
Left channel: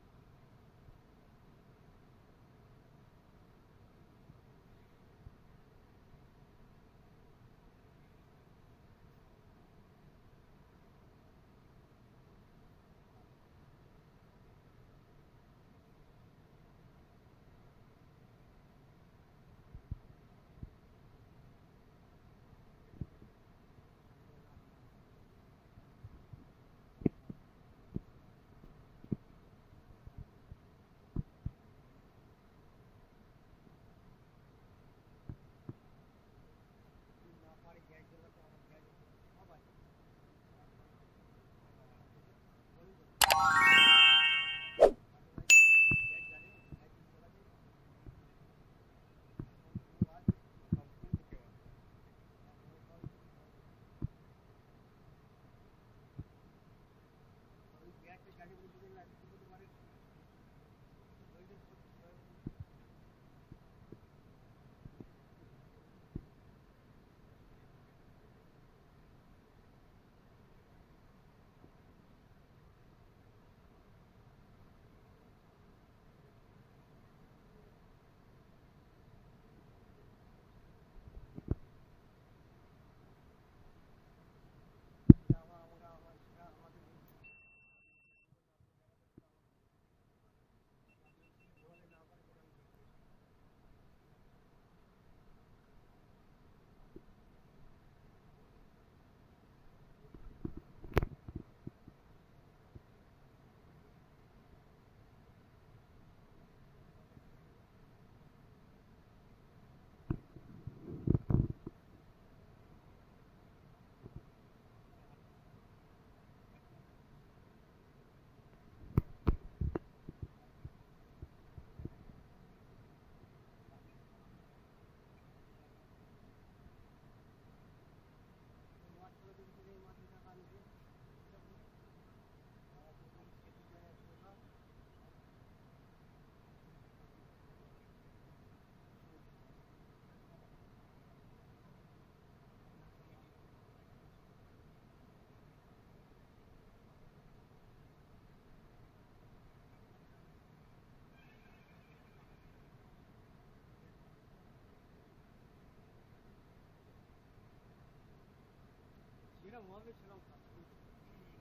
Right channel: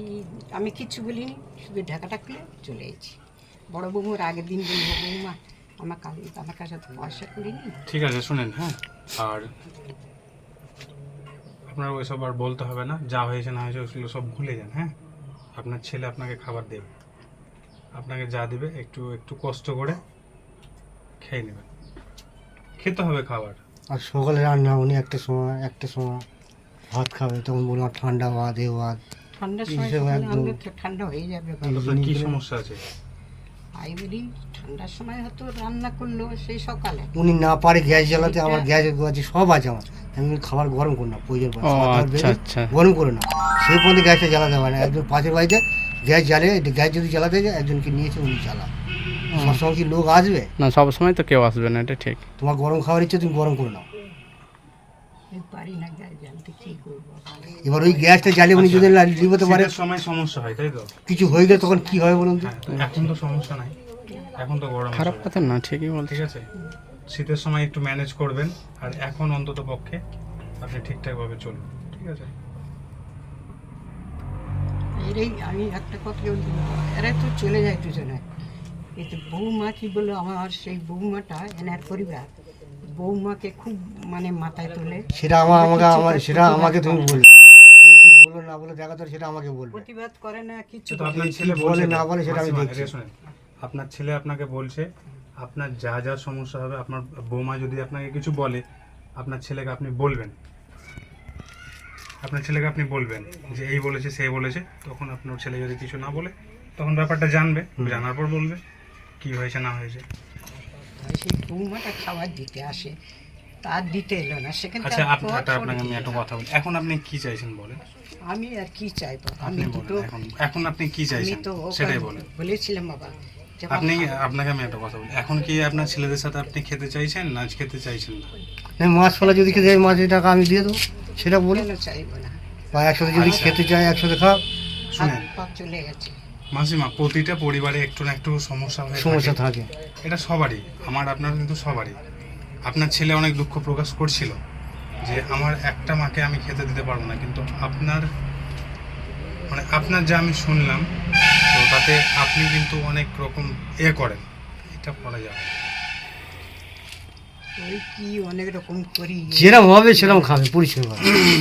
আমি কিচ্ছু বলিনি, শুধু ঢাকাটা খুলে চলে এসেছি। বড় বৌমার আগের দিন বলবো, বৌমা আমার কাছে তো পয়সা করিনি। ঠিক আছে, শুনেন, হ্যাঁ, আর আপনার ওইসব আর বলতে হবে না, যা হয়েছে না হয়েছে ওগুলো সব ভুলে যান, হ্যাঁ? আপনার ছেলে আপনাকে খাবার দেবে, আপনাকে যা দেবে একটু একটু কষ্ট করে খেয়ে নেবেন, খেতে হবে খাবার। আর সকালে রান্না উনি একটা সময় ভাত খাবে, তখন বললাম ঠান্ডা ভাত এ ভাত। ঠান্ডার সময় এইসব সকালে একদম- আনলে তো ঠান্ডা হয়ে যাবে বাবা। আপনার কি সমস্যা আছে? তাই বলি ঠান্ডার সময় হয়তো রান্না করলো সেই সকালে, উনি না পারে গ্যাস জ্বালাতে, আমার গ্যাস আছে সব আছে আমার, আমি বলি খাবার গরম করি না, প্রয়োজন পড়ে ও খাবার দাবার আচ্ছা বেরোয়, আচ্ছা। গরম করে না, সেই পর্যন্ত গ্যাসটা জ্বালাতে পারে না। একজন পাশের বাড়িতে গ্যাস জ্বালিয়ে, গ্যাস যদি জ্বালাতে যায় একজনকে নিয়েছে উনি জ্বালায়, সবসময় কি লোক আসবে? না, সব সময় তো কেউ আসবে না, এটা ঠিক। তোমার গরম খাবার ইচ্ছে তুমি গরম করে নাও। আমি পারি না গ্যাস জ্বালতে, কী করবো বাবা? এবার ওই গ্যাসটা জ্বালিয়ে উনি যদি লিবোতে পারে, শীতের সময় সমস্যা হয়, তাই তো? কিছু হয়ে গেলে তখন কি হয় বলুন তো? হ্যাঁ, এখন তো সমস্যা নাই, এখন তো গরম খারাপ আছে, কথা না, ঠিকই বলছি। ঠিক আছে? শীতের সময় একটু ম্যানেজ করবেন, আর এখন অন্তত পক্ষে আপনি ঠিকঠাকভাবে চলুন, ঠিক আছে? এরাই আমি একটা কথা বলতে পারবো, এরা তো চলে যায় দুজনে, কিন্তু বৌমা কি বললো, আমার সেই বৌমাটা এনার পরিবার বৌমাকে খুব মানে মাথায় তোলে, সেটা সেটা আমাকে তুমি বলবে, কে কি বলো না বলো দেখা তো সেটা আমাকে বলবে। প্রতিবাদ করে না কিছু তো করে আপনার না। ছেলে কি বলছে বলে না বলে সেটা আমি মাসিমা, দেখছি। এটা শুনেন, আপনার ছেলে আপনাকে বলছে আপনার যা যা সমস্যা হবে, আপনার বৌমা যদি আপনাকে কিছু বলে, আপনার ছেলেকে আপনি বলবেন, আপনার ছেলেকে আপনি বলবেন যে এই বলেছে সেই বলেছে, তখন আপনার ছেলে যদি কিছু না বলে তখন ব্যাপারটা জানবে, জানার পর বলবে কি হয়েছে না হয়েছে। সেই বৌমাটা খাবার দিতে আসে, তার দিতে এলো না, সেখানে আচ্ছা, আপনাকে আমি একটা কথা বলি, এখন আপনি কি চাইছেন বলেন? আমি আর কি চাইবো, আপনি আমি বলেন, দুটো, এখন আপনি কি আমি চাইছেন তো ওকে সেটাই বলেন। বলেছিলাম বাবা যে আপনি আপনাকে আমি একটা কথা বলি, এখন কি আপনার ছেলেদের সাথে আপনি খেতে চাইছেন না খেতে চাইছেন না? মাছ ফলা যদি খেতে চাই মাছের টাকা আমি দিয়ে দেবো, সেটা বলি, কেন চাইবো না, বা একসাথে যদি খেতে চাই একসাথে খাও। শুনেন হাত পা চলে গেছে। মাসিমা, প্রতিটা পরিবারে একটু না একটু সমস্যা হয়ে সমস্যা থাকে, থাকে। এটা সবারই, আমার আপনার কিন্তু সবারই। আপনার ছেলে অনেক দুঃখ প্রকাশ করছিল যে আমার একটা মাকে আমি খেতে দিতে পারবো না, কিন্তু আপনার যা আমি শুনলাম, তো তাতে আপনি কিন্তু অনেক রকম করেন, এটা করা যাবে না। ওই কি অনেক রকম করি, যেরকম হবে সেরকম খাবে পরিষ্কার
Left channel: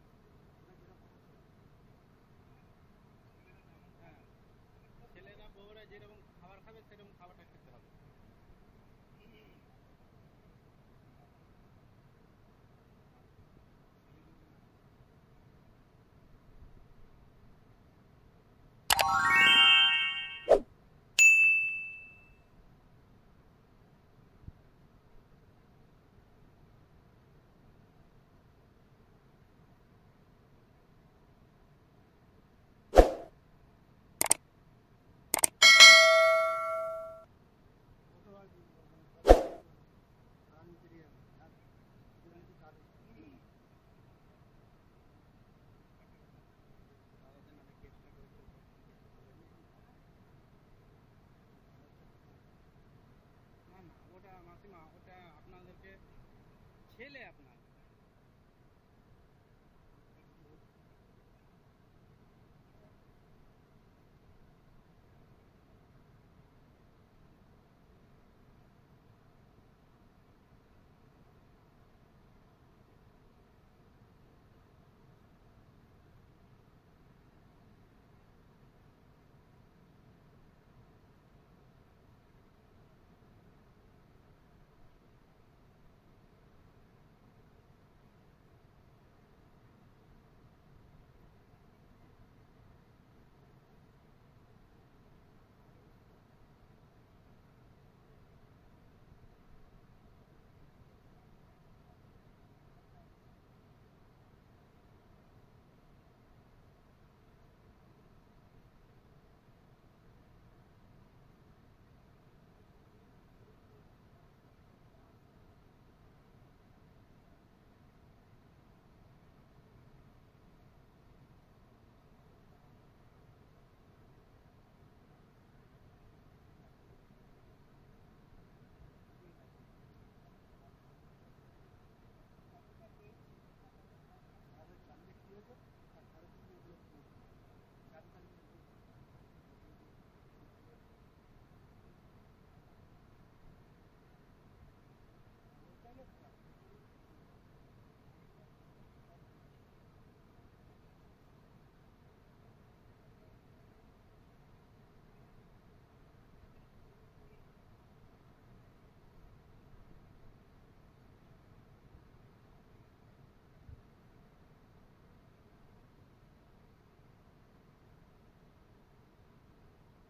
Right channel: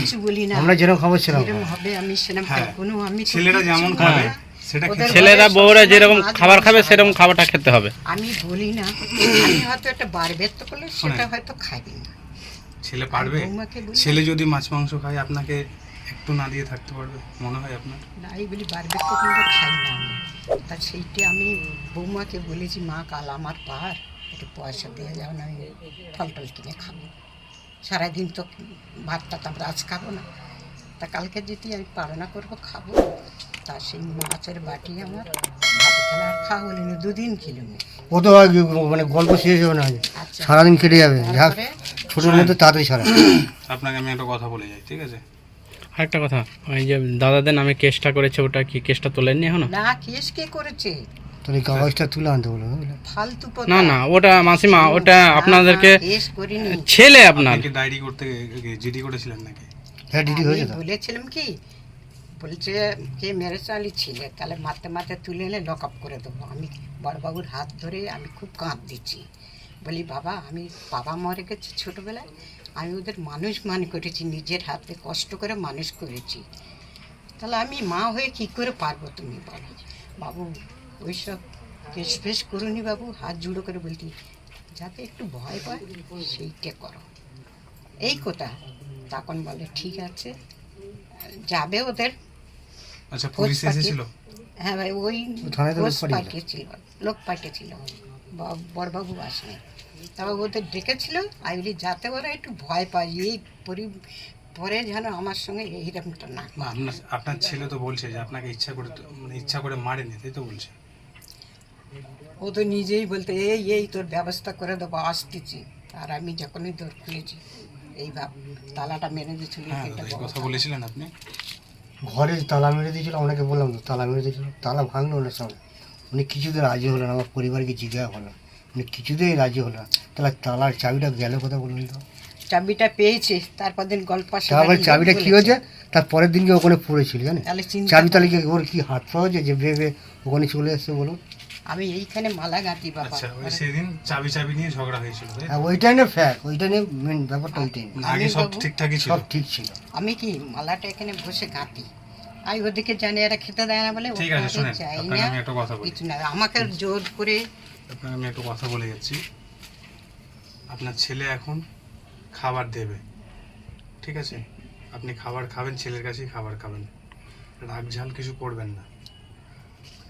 কিছু বলি না। আমরা যেরকম খাবো সেরকম যেরকম খাবো। হবে আমি সেরকম হ্যাঁ, খাই। কোনো আমি তো ছেলেরা কিচ্ছু যেমন বলি খাবে না। সেটা ওদের খেতে ছেলেরা ঘরে বউরা সবসময় যেরকম মাছ খাবার মাংস খাবে হয়। সেরকম খাবারটা খেতে হবে। আমি বলি না, আমি হয়তো একটা বার ব্যর্থ করলে সেটা হয়তো খাইবি না। ছেলে পারবে? বৌমাকে বলি ছেলে যদি মাছ মাংস খায় আপনাকে একটু না দিয়ে থাকতে পারবে মনে হয় আপনার? না, এই বলি বার ব্যর্থ করলে খাই না আমি। তা সেইটা আমি বৌমাকে বলেছি, মা কাল আমার পার একটু পয়সা দিয়ে যাও না, আমি ফল টল কিনে খাবো। সারাদিন তো ভাতটা তো আমরা আজ খাবো না, তা কালকে যদি আমি পালনা করবো খাবো। তা সেই মাছের বাটি আমার খাওয়া হলো না, 2 দিন খেলো না। ও তো আর মানে গল্প শেষ হবে না, আচ্ছা, সারাদিন কেটে যাবে। যা তারপরে ছোটোর মধ্যে তাড়াতাড়ি সারা। আপনাকে আমি একটা কথা বলে যাই, ঠিক আছে? আরেকটা কথা, ওই যে দাদাদের নামে কেসটা করেছে, ওটা কি কেসটা তোলেননি এখনো? না, কেস কে করেছে? তোর এই কাগজটা তুলে আনতে বলো, বুঝলে? ফালতু না না, ওটা মাসিমা, ওটা আপনাদেরকে কেস করিনি। ছেলে আপনার। আপনি কি ডায়েরি করতে জিডি করেছিলেন নাকি? হ্যাঁ ডিডি হয়েছে আমি তো। বলেছিলাম কি, বলছে কে মেরেছে, আলি ছিলে, তাহলে মারতে মারতে তুলে এনে লক আপ করে দেবো। আমি বড়বাবুর হাত ধরে আমি খুব কাঁদ দিচ্ছি, বলি বাবা আমি বাবা মরে গেছে ছোটোবেলায়, আমি ওদের মানুষ মান করেছি, নিজের হাতে কষ্ট করে মানুষ করেছি, তাহলে আমি মা হয়ে কি করে পারবো তুমি বলো। বাবু ওইসব কেস ফেস করুনি বাবু, হাত জুড়ো করে বলতি, যাতে একটু ভয় পায় সেইটা করো, এই কথা। তখন বলে ঠিক আছে, যাবে ওদের আচ্ছা, খোঁজ পুলিশ পাঠিয়ে- এসেছিল? হ্যাঁ ভাই, ওই থানায় তো লোক খোঁজ পাঠিয়েছিল। পাঠিয়েছিল, লোক পাঠিয়েছিল, বড়বাবু আসেনি, তাও ওদের ডেকেছিল। আমি বলি যাতে ওরা একটু ভয় পায়, এই পরে যেন আমার সঙ্গে এইরকমটা না। না, আপনার ছেলে তো বলছে যে আপনাকে ইচ্ছা করে মারেনি, তাই তো বলছে? ও তো নিজেই বলতে এই তোর ব্যবস্থা করে দেবো আসতেছি। আর আমি যখনই দৌড় খুলেছি, এই তালাটা মেরে দিয়েছিল, হ্যাঁ, এটা এই বড় কথা তালা। বলেছিলেন আপনি? ঘরে তালা মেরে দিয়েছিল, আপনাকে বললাম তো তালা মেরে দিয়েছিল, তালা ভাঙলো না সব। উনি কিছুতেই রাজি হলো না, আমার পরিবারকে জিজ্ঞাসা হলো, উনি কিছুতেই রাজি হলো না। তাহলে তালার চাবিটা গেল কথা বলুন তো। চাবিটা পেয়েছে, তারপর দিন গল্প তারপরে চাবিটা কী হয়েছে, তার পরের দিনকে ওখানে পড়েছিল জানেন। তাহলে চিন্তা চাবি কর। তালিকে ওর কি হাত পাওয়া হয়েছে যে ভেবে ওখানে চলে এসছে বলুন। আমি এইখানে মালা গাঁথি বাবা। আচ্ছা, ওই সেদিন চাবি নিয়ে ঝগড়া হয়েছিল, তাই তো? হ্যাঁ ওইটাই না ফ্যাক্ট, ওইটা নিয়ে মেন ব্যাপারটা ওইটাই না। না, আগে সব বাবু- ঠিকঠাকই ছিল? সব ঠিক ছিল। আমি কি মালাটা এখানে বসে গাঁথি, আমি ওদিকে জানি এরা খেতে দেয় না বলে ঠিক আছে, ওখানে শুনেন, যাই আপনাকে না, আমি একটা কথা বলি। কিছু না, আমাকে জোর করে। আপনাকে আমি একটা কথা বলে যাচ্ছি। আপনার ছেলে এখন খাবার দেবে, ঠিক আছে? আপনি খাবার খাবেন, ছেলের কাছেই খাবার খাবেন, রাগ ঝাল কিছু করবেন না।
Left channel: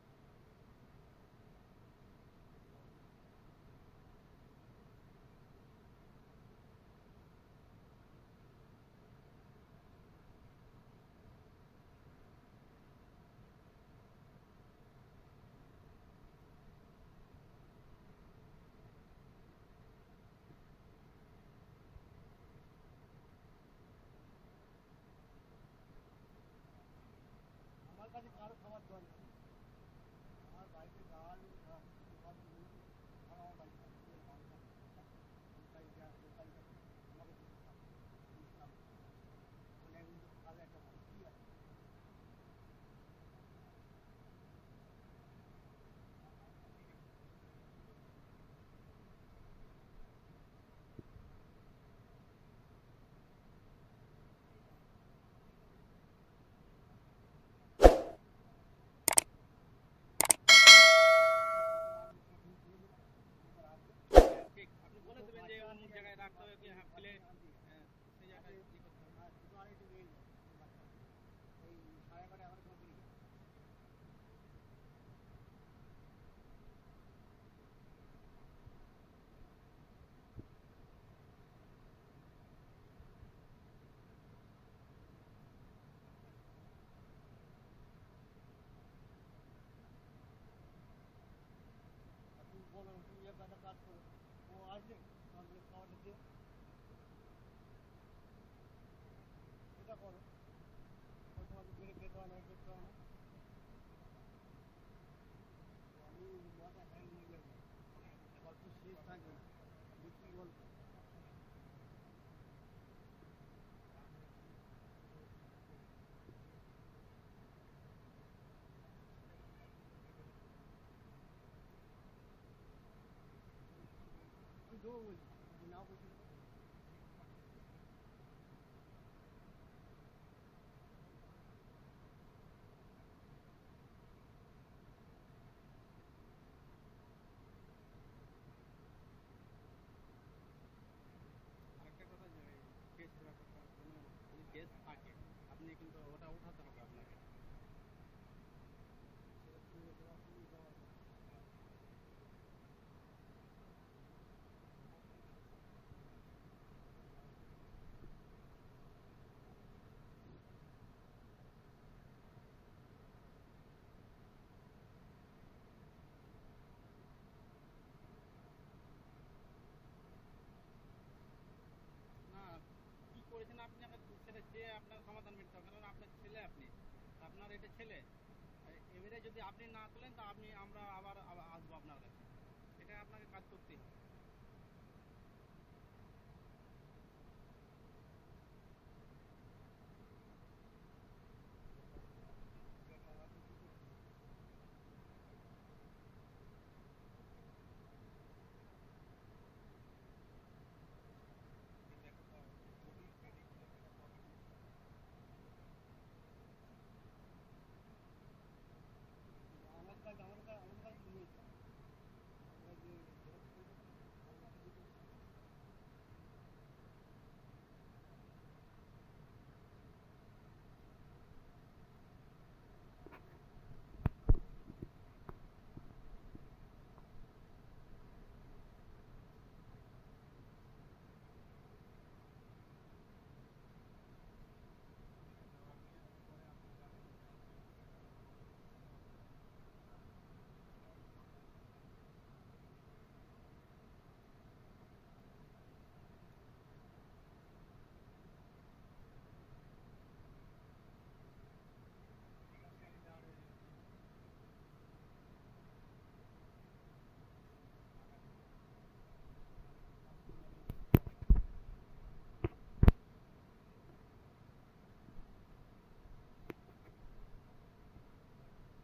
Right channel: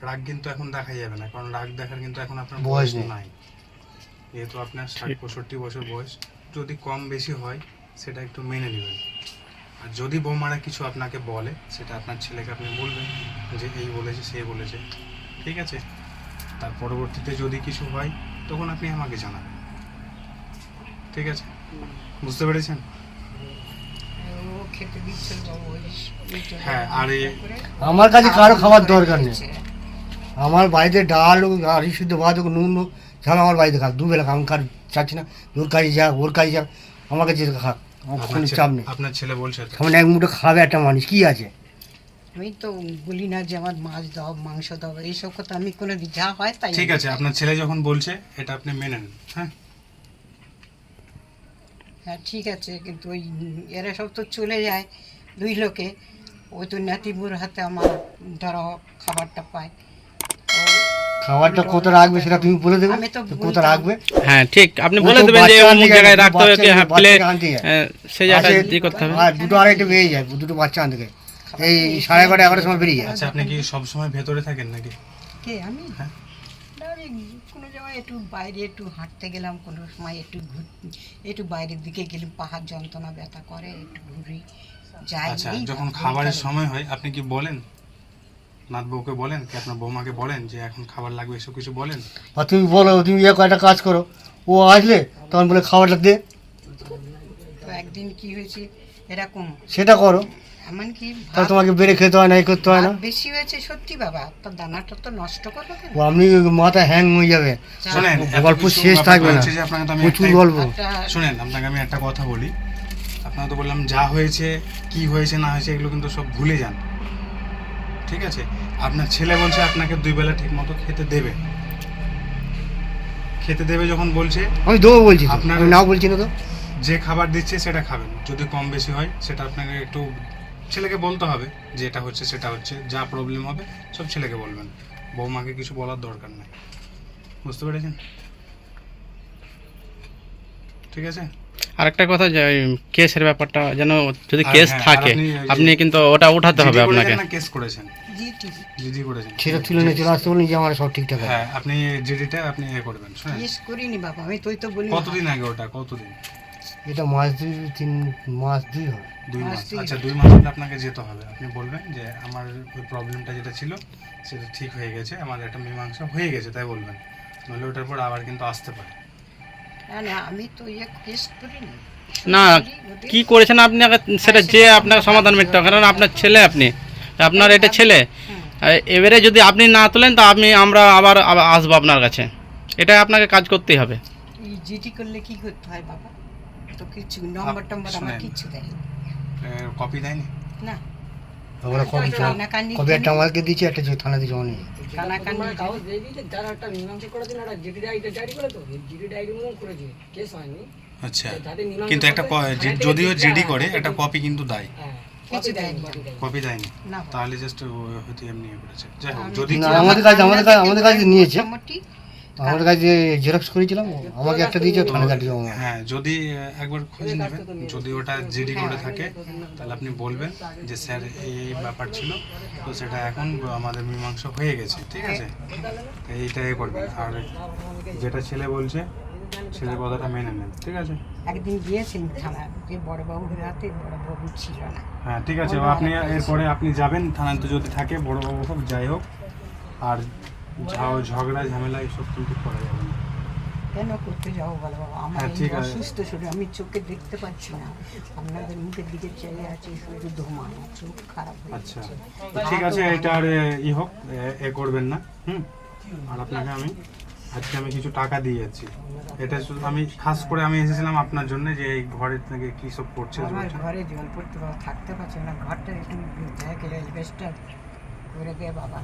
রাগ কিন্তু এখন দেখা যাবে না, কারণ রাগ দেখার কিন্তু এখন আপনার বয়স বয়স নেই। নাই। যেহেতু আপনার 60-65 বছর বয়স, যদি কম বেশি হয় সেটা একটু মেনে নেবেন। আর যদি বৌমারা কিছু আপনাকে বলে, সেটা আপনার ছেলেকে আপনি বলবেন যে এই বলেছে সে বলেছে, ঠিক আছে? তার পরবর্তীতে যদি কিছু হয় তখন আপনি আমাকে জানাবেন, ঠিক আছে? বুঝতে পেরেছেন? ও খেতে দিচ্ছে বাবু, ওই জন্য হ্যাঁ, আর করে আমার কাছে কারো খাবার দরকার নেই। দিচ্ছে। আমার বাড়িতে ডাল আর শুদ্ধ ভাত নুন ঝাল আমার বাড়িতে খাক, দুবেলা খাক। আমি কার চাচ্ছি না ওর কাজে যাক, ওর কাজে যাক, আমার কাছে খাক, আমার কোনো চাপ নেই। আপনার ছেলে বলছে তো? সামনে এক মুঠো খাবে একটা মানুষ, কি আছে? আমি তো বলি না যে আমার মাছ দাও মাংস দাও, এইসব কথা আমি কোনো যা হয় তাই ঠিক আমি আছে, খাই। আপনার ছেলে যখন বলছে এটা আপনি মেনে নেন, হ্যাঁ? হ্যাঁ ঠিক আছে, কিন্তু ওই এরা সব তো চলে যায় 2 লোকে, ওই তো নাতিবুর হাতে আমার ধরো খাবারটা পায়। খাবারটা কোথায় রাখবে সেটা তুমি বলে দেবে, আমি তো তো বলতাম। কোথায় রাখবে। হ্যাঁ ঠিক, আপনি ও বলে তো দেবেন যে বাচ্চা অমুক আনতে জায়গায় যায়, রাখতে হবে, বাচ্চা- হ্যাঁ প্লে বাচ্চাকে আনতে যায়। সেই জায়গাটা আসে, দিয়ে করতে হবে। আর 2-2:30 বেরিয়ে যায়, 2 বাচ্চা আনতে যায়, এই 11:30-11টার সময় বেরিয়ে যায়। আচ্ছা, আপনি কি সব সময় ভেতরে থাকেন নাকি? কে আমি? হ্যাঁ। না, আমি কোনো জায়গায় একটু বাইরে একটু হাঁটতে গেলাম, কোনো সময় একটু বাইরের দিকে গেলাম, পাহাড় যন্ত্রণা ব্যথা করে, একটু ঘুরি যাই। আচ্ছা, এই যখন ঘুরি খাবারের তাহলে। সময় হয় আপনি কি বলেন, নাত বউকে বলেন কি আপনার বৌমাকে বলেন যে এখন খাবার লাগবে, এসব কিছু বলেন? আর তুমি বলো তুমি কয়টা কাজ করো, ও আসলে তখন বলে খাবারটা দে, তো একদিন কি হয়েছে এরকম, সেটা করো। এমনকি তাহলে তোমাকে বেড়ে খেতে হয় না, এই করতে হয় না। ভাত বেশি হয়েছে সত্যি বাবা, তো দানাটা তো নষ্ট করবো কেন? ও আপনি মাথা হ্যাং হয়ে যাবে, শুনেন, এত গল্প কিছু শেষ ব্যাপার থাকবে না, হয়েছে যে আপনাকে তো আমি প্রচুর একটাই- গল্প। একটা শুনেন, আপনাকে আমি একটা কথা বলি। আপনাকে তো বললাম যা হয়েছে, কি হয়েছে না হয়েছে এগুলো কিন্তু সব ভুলে যান, ঠিক আছে? আপনার ছেলে বলছে আপনাকে 2 বেলা ঠিক মতো খেতে দেবে, খেতে দেবে যখন বলছে, আমি দেবো বলছি তো, আপনার- আমি নাও বলছি না তো। যে খাবার দিচ্ছে সেটা খাবেন। যদি কম বেশি হয় সেটা আপনাকে একটু ছেলেকে বলতে হবে যে এটা হচ্ছে সেটা হচ্ছে, যা প্রবলেম হবে সব ছেলেকে বলবেন, বৌমাকে কিছু বলার দরকার নেই। বুঝতে পেরেছেন? ঠিক আছে। আরেকটা কথা, যে কেসের ব্যাপারটা যেন যদি আর কেস হ্যাঁ, আর থাকে আপনি ওই যে- আপনি কিন্তু ওটা উঠাতে হবে জিডি আপনাকে। করেছেন না কেস করেছেন? জিটি জিডি করেছেন। সেটা তুলে নিয়ে চলে আসতে বলি যে আমার সব ঠিকঠাক আছে। হ্যাঁ, আপনি জিডিটা আপনি করবেন, শুনেন। কেস করিনি বাবা, আমি তো বলি কতদিন আগে ওটা? কতদিন? এটা মাস 2-3 মাস 2 হয়। 2 মাস। মাসেই। আচ্ছা, 2 মাস হলে আপনাকে যেতে হবে। আপনি বলবেন যে আমার ওই প্রবলেমটা যেটা ছিল সেটা ঠিক হয়ে গেছে, আমার একটা মীমাংসা হয়ে গেছে, তাই বলবেন। নাহলে ওটার পর আবার কিন্তু আসতে পারে। না আমি তো কেস করিনি। না, ওদের- কি করেছেন আপনি সেটা যে আপনাকে সমাধান মিটতে হবে, কারণ আপনার ছেলে, আপনার এটা ছেলে। এবারে যদি আপনি না তোলেন তো আমরা আবার আসবো আপনার কাছে, এটা আপনাকে কাজ করতেই হবে। এই জিটি করলে কি করতে হয় বাবা? তো কিছু নম্বর টম্বর আমার শুনেন। কিচ্ছু দেয় কপি দেয়নি? না। আমরা কপি কানাকানি কপি একটা আমাকে দিয়েছি, একটা যে থানাতে জমা নিয়ে। কানাকানি কাগজ দিয়ে দিয়েছে, যারা একটা মীমাংসা করে দিন, ওরা জিডি ডায়েরি করে তো জিডি ডায়েরি মতন করেছে, কেস হয়নি। আচ্ছা, যাদের মীমাংসা কিন্তু একটা যদিও জিডি করে একটা কপি কিন্তু দেয়। হ্যাঁ, কিছু দেয়নি। কপি দেয়নি? না। তাহলে জাস্ট হয়তো এমনি করেছে। যাই হোক, যদি না, আমাদের কাছে নিয়েছে। মোটামুটি আমাদের কাছে জেরক্স করেছিলাম, আমাকে একটা দিয়েছে, থানাতে একটা জমা। হ্যাঁ, যদি একবার খোঁজ নেবেন, যদি ওটা জিডি করে থাকে তাহলে আপনি বলবেন যে স্যার এই ব্যাপার ছিল, তো সেটা এখন আমাদের মীমাংসা হয়ে গেছে, ঠিক আছে, তো এইটাই করবেন। আর যেটা ছেলে বলছে, ছেলের কথাটা মেনে নেন, ঠিক আছে। একদিন গিয়েছেন থানা, যে বড়বাবুর হাতে বড়বাবু ছিল না। হ্যাঁ, ঠিক আছে, আপনি এরপরে আপনি যাবেন থানাতে, যদি থাকে বড়োবাবু হোক যাই হোক। আর ঝগড়া ঝামেলা এসব কিন্তু করা যাবে না। কেন করতে যাবো বলো বাবা? আমার হ্যাঁ, এই ঠিক আছে। অসুস্থ শরীর, আমি চোখে দেখতে পাচ্ছি না। আপনাদের মুখের দিকে চেয়ে আছে শুধু ধোঁয়া, চোখ খারাপ হয়ে আচ্ছা, যাচ্ছে। তো ঠিক আছে, এটা আর হোক, করবেন না। আর আপনাকে আজকে আমি কিছু টাকা দিয়ে যাচ্ছি। এটা শুধু আমি খাস করে আমি এসেছিলাম আপনার জন্য, যে এই ঘরের থেকে কী সব করছে আমার ঘরে জল পড়তে বাবা, থাকতে পারছি না। ঘরটা একটু দেখে এলভেস্টার করে দে বাবা।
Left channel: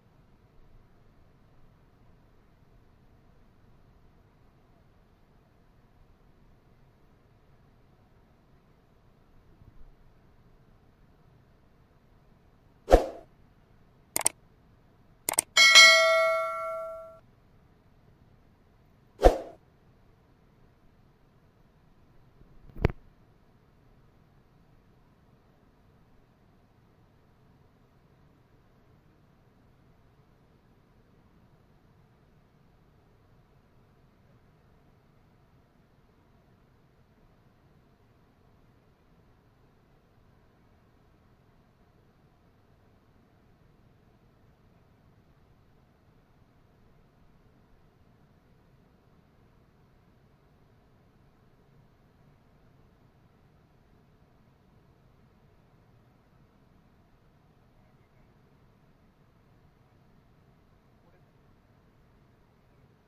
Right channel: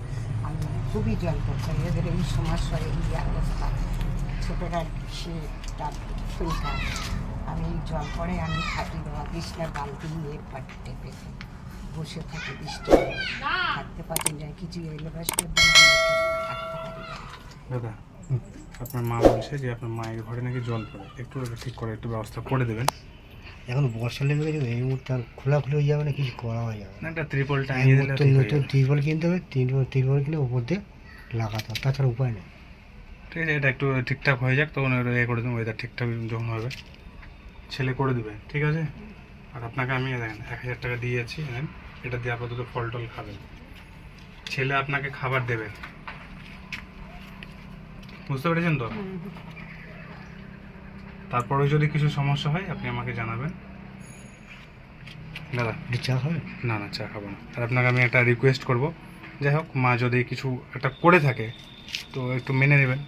আমি খুবই জল পড়ছে, এদের এই সমস্যা, এই অবস্থা। ছোটোটা সে তার শরীর খারাপ। আমি জল পড়ে আমি থাকি বাবা, বিছনার বালতি নিয়ে পাটিতে পেতে বসে থাকি, বৃষ্টি থাকতে পারছি না, কিছু এলভেস্টার থাকতে পারি না। দাদা, আপনার মা বলছে যে আপনার মায়ের ঘরে নাকি জল পড়ে, একটু ওটা ঠিক করে একটু ব্যবস্থা করে দেবেন। এখন বর্ষা লেগে গেছে, এই মুহূর্তে আর খোলাখুলি হয়ে যাবে না, কিছু করা হয়ে যাবে না, একটা ত্রিপল এই টাঙিয়ে দিলে মুহূর্তে ঠিক হয়ে নতুন যাবে। টিউবওয়েল কিনতে হবে, টিউবওয়েল কিনে উপর দিয়ে লাগাতে হবে, তাছাড়া উপায় নেই। ঠিক আছে, এটা একটু ঠিকঠাক হয়ে যাক, তখন করে দেবো। ওয়েদার ঠিকঠাক যখন হবে ছেলে করে দেবে, ঠিক আছে। আর আপনাকে আমি দেখেন 1000 টাকা দিয়ে যাচ্ছি, নেন। এটা দিয়ে আপাতত ফল টল খাবেন। ছেলে আপনাকে খাবার দেবে, বুঝতে পেরেছেন তো? তারপরে যদি কিছু সমস্যা হয় আপনি আমাকে জানাবেন। দাদা, একটু চা খাবে? না না, চা খাবো না। আর আপনাকে আমি একটা রিকোয়েস্ট করব, যাই হোক, মা যদি কিছু একটা করে থাকে তো একটু মেনে নেবেন,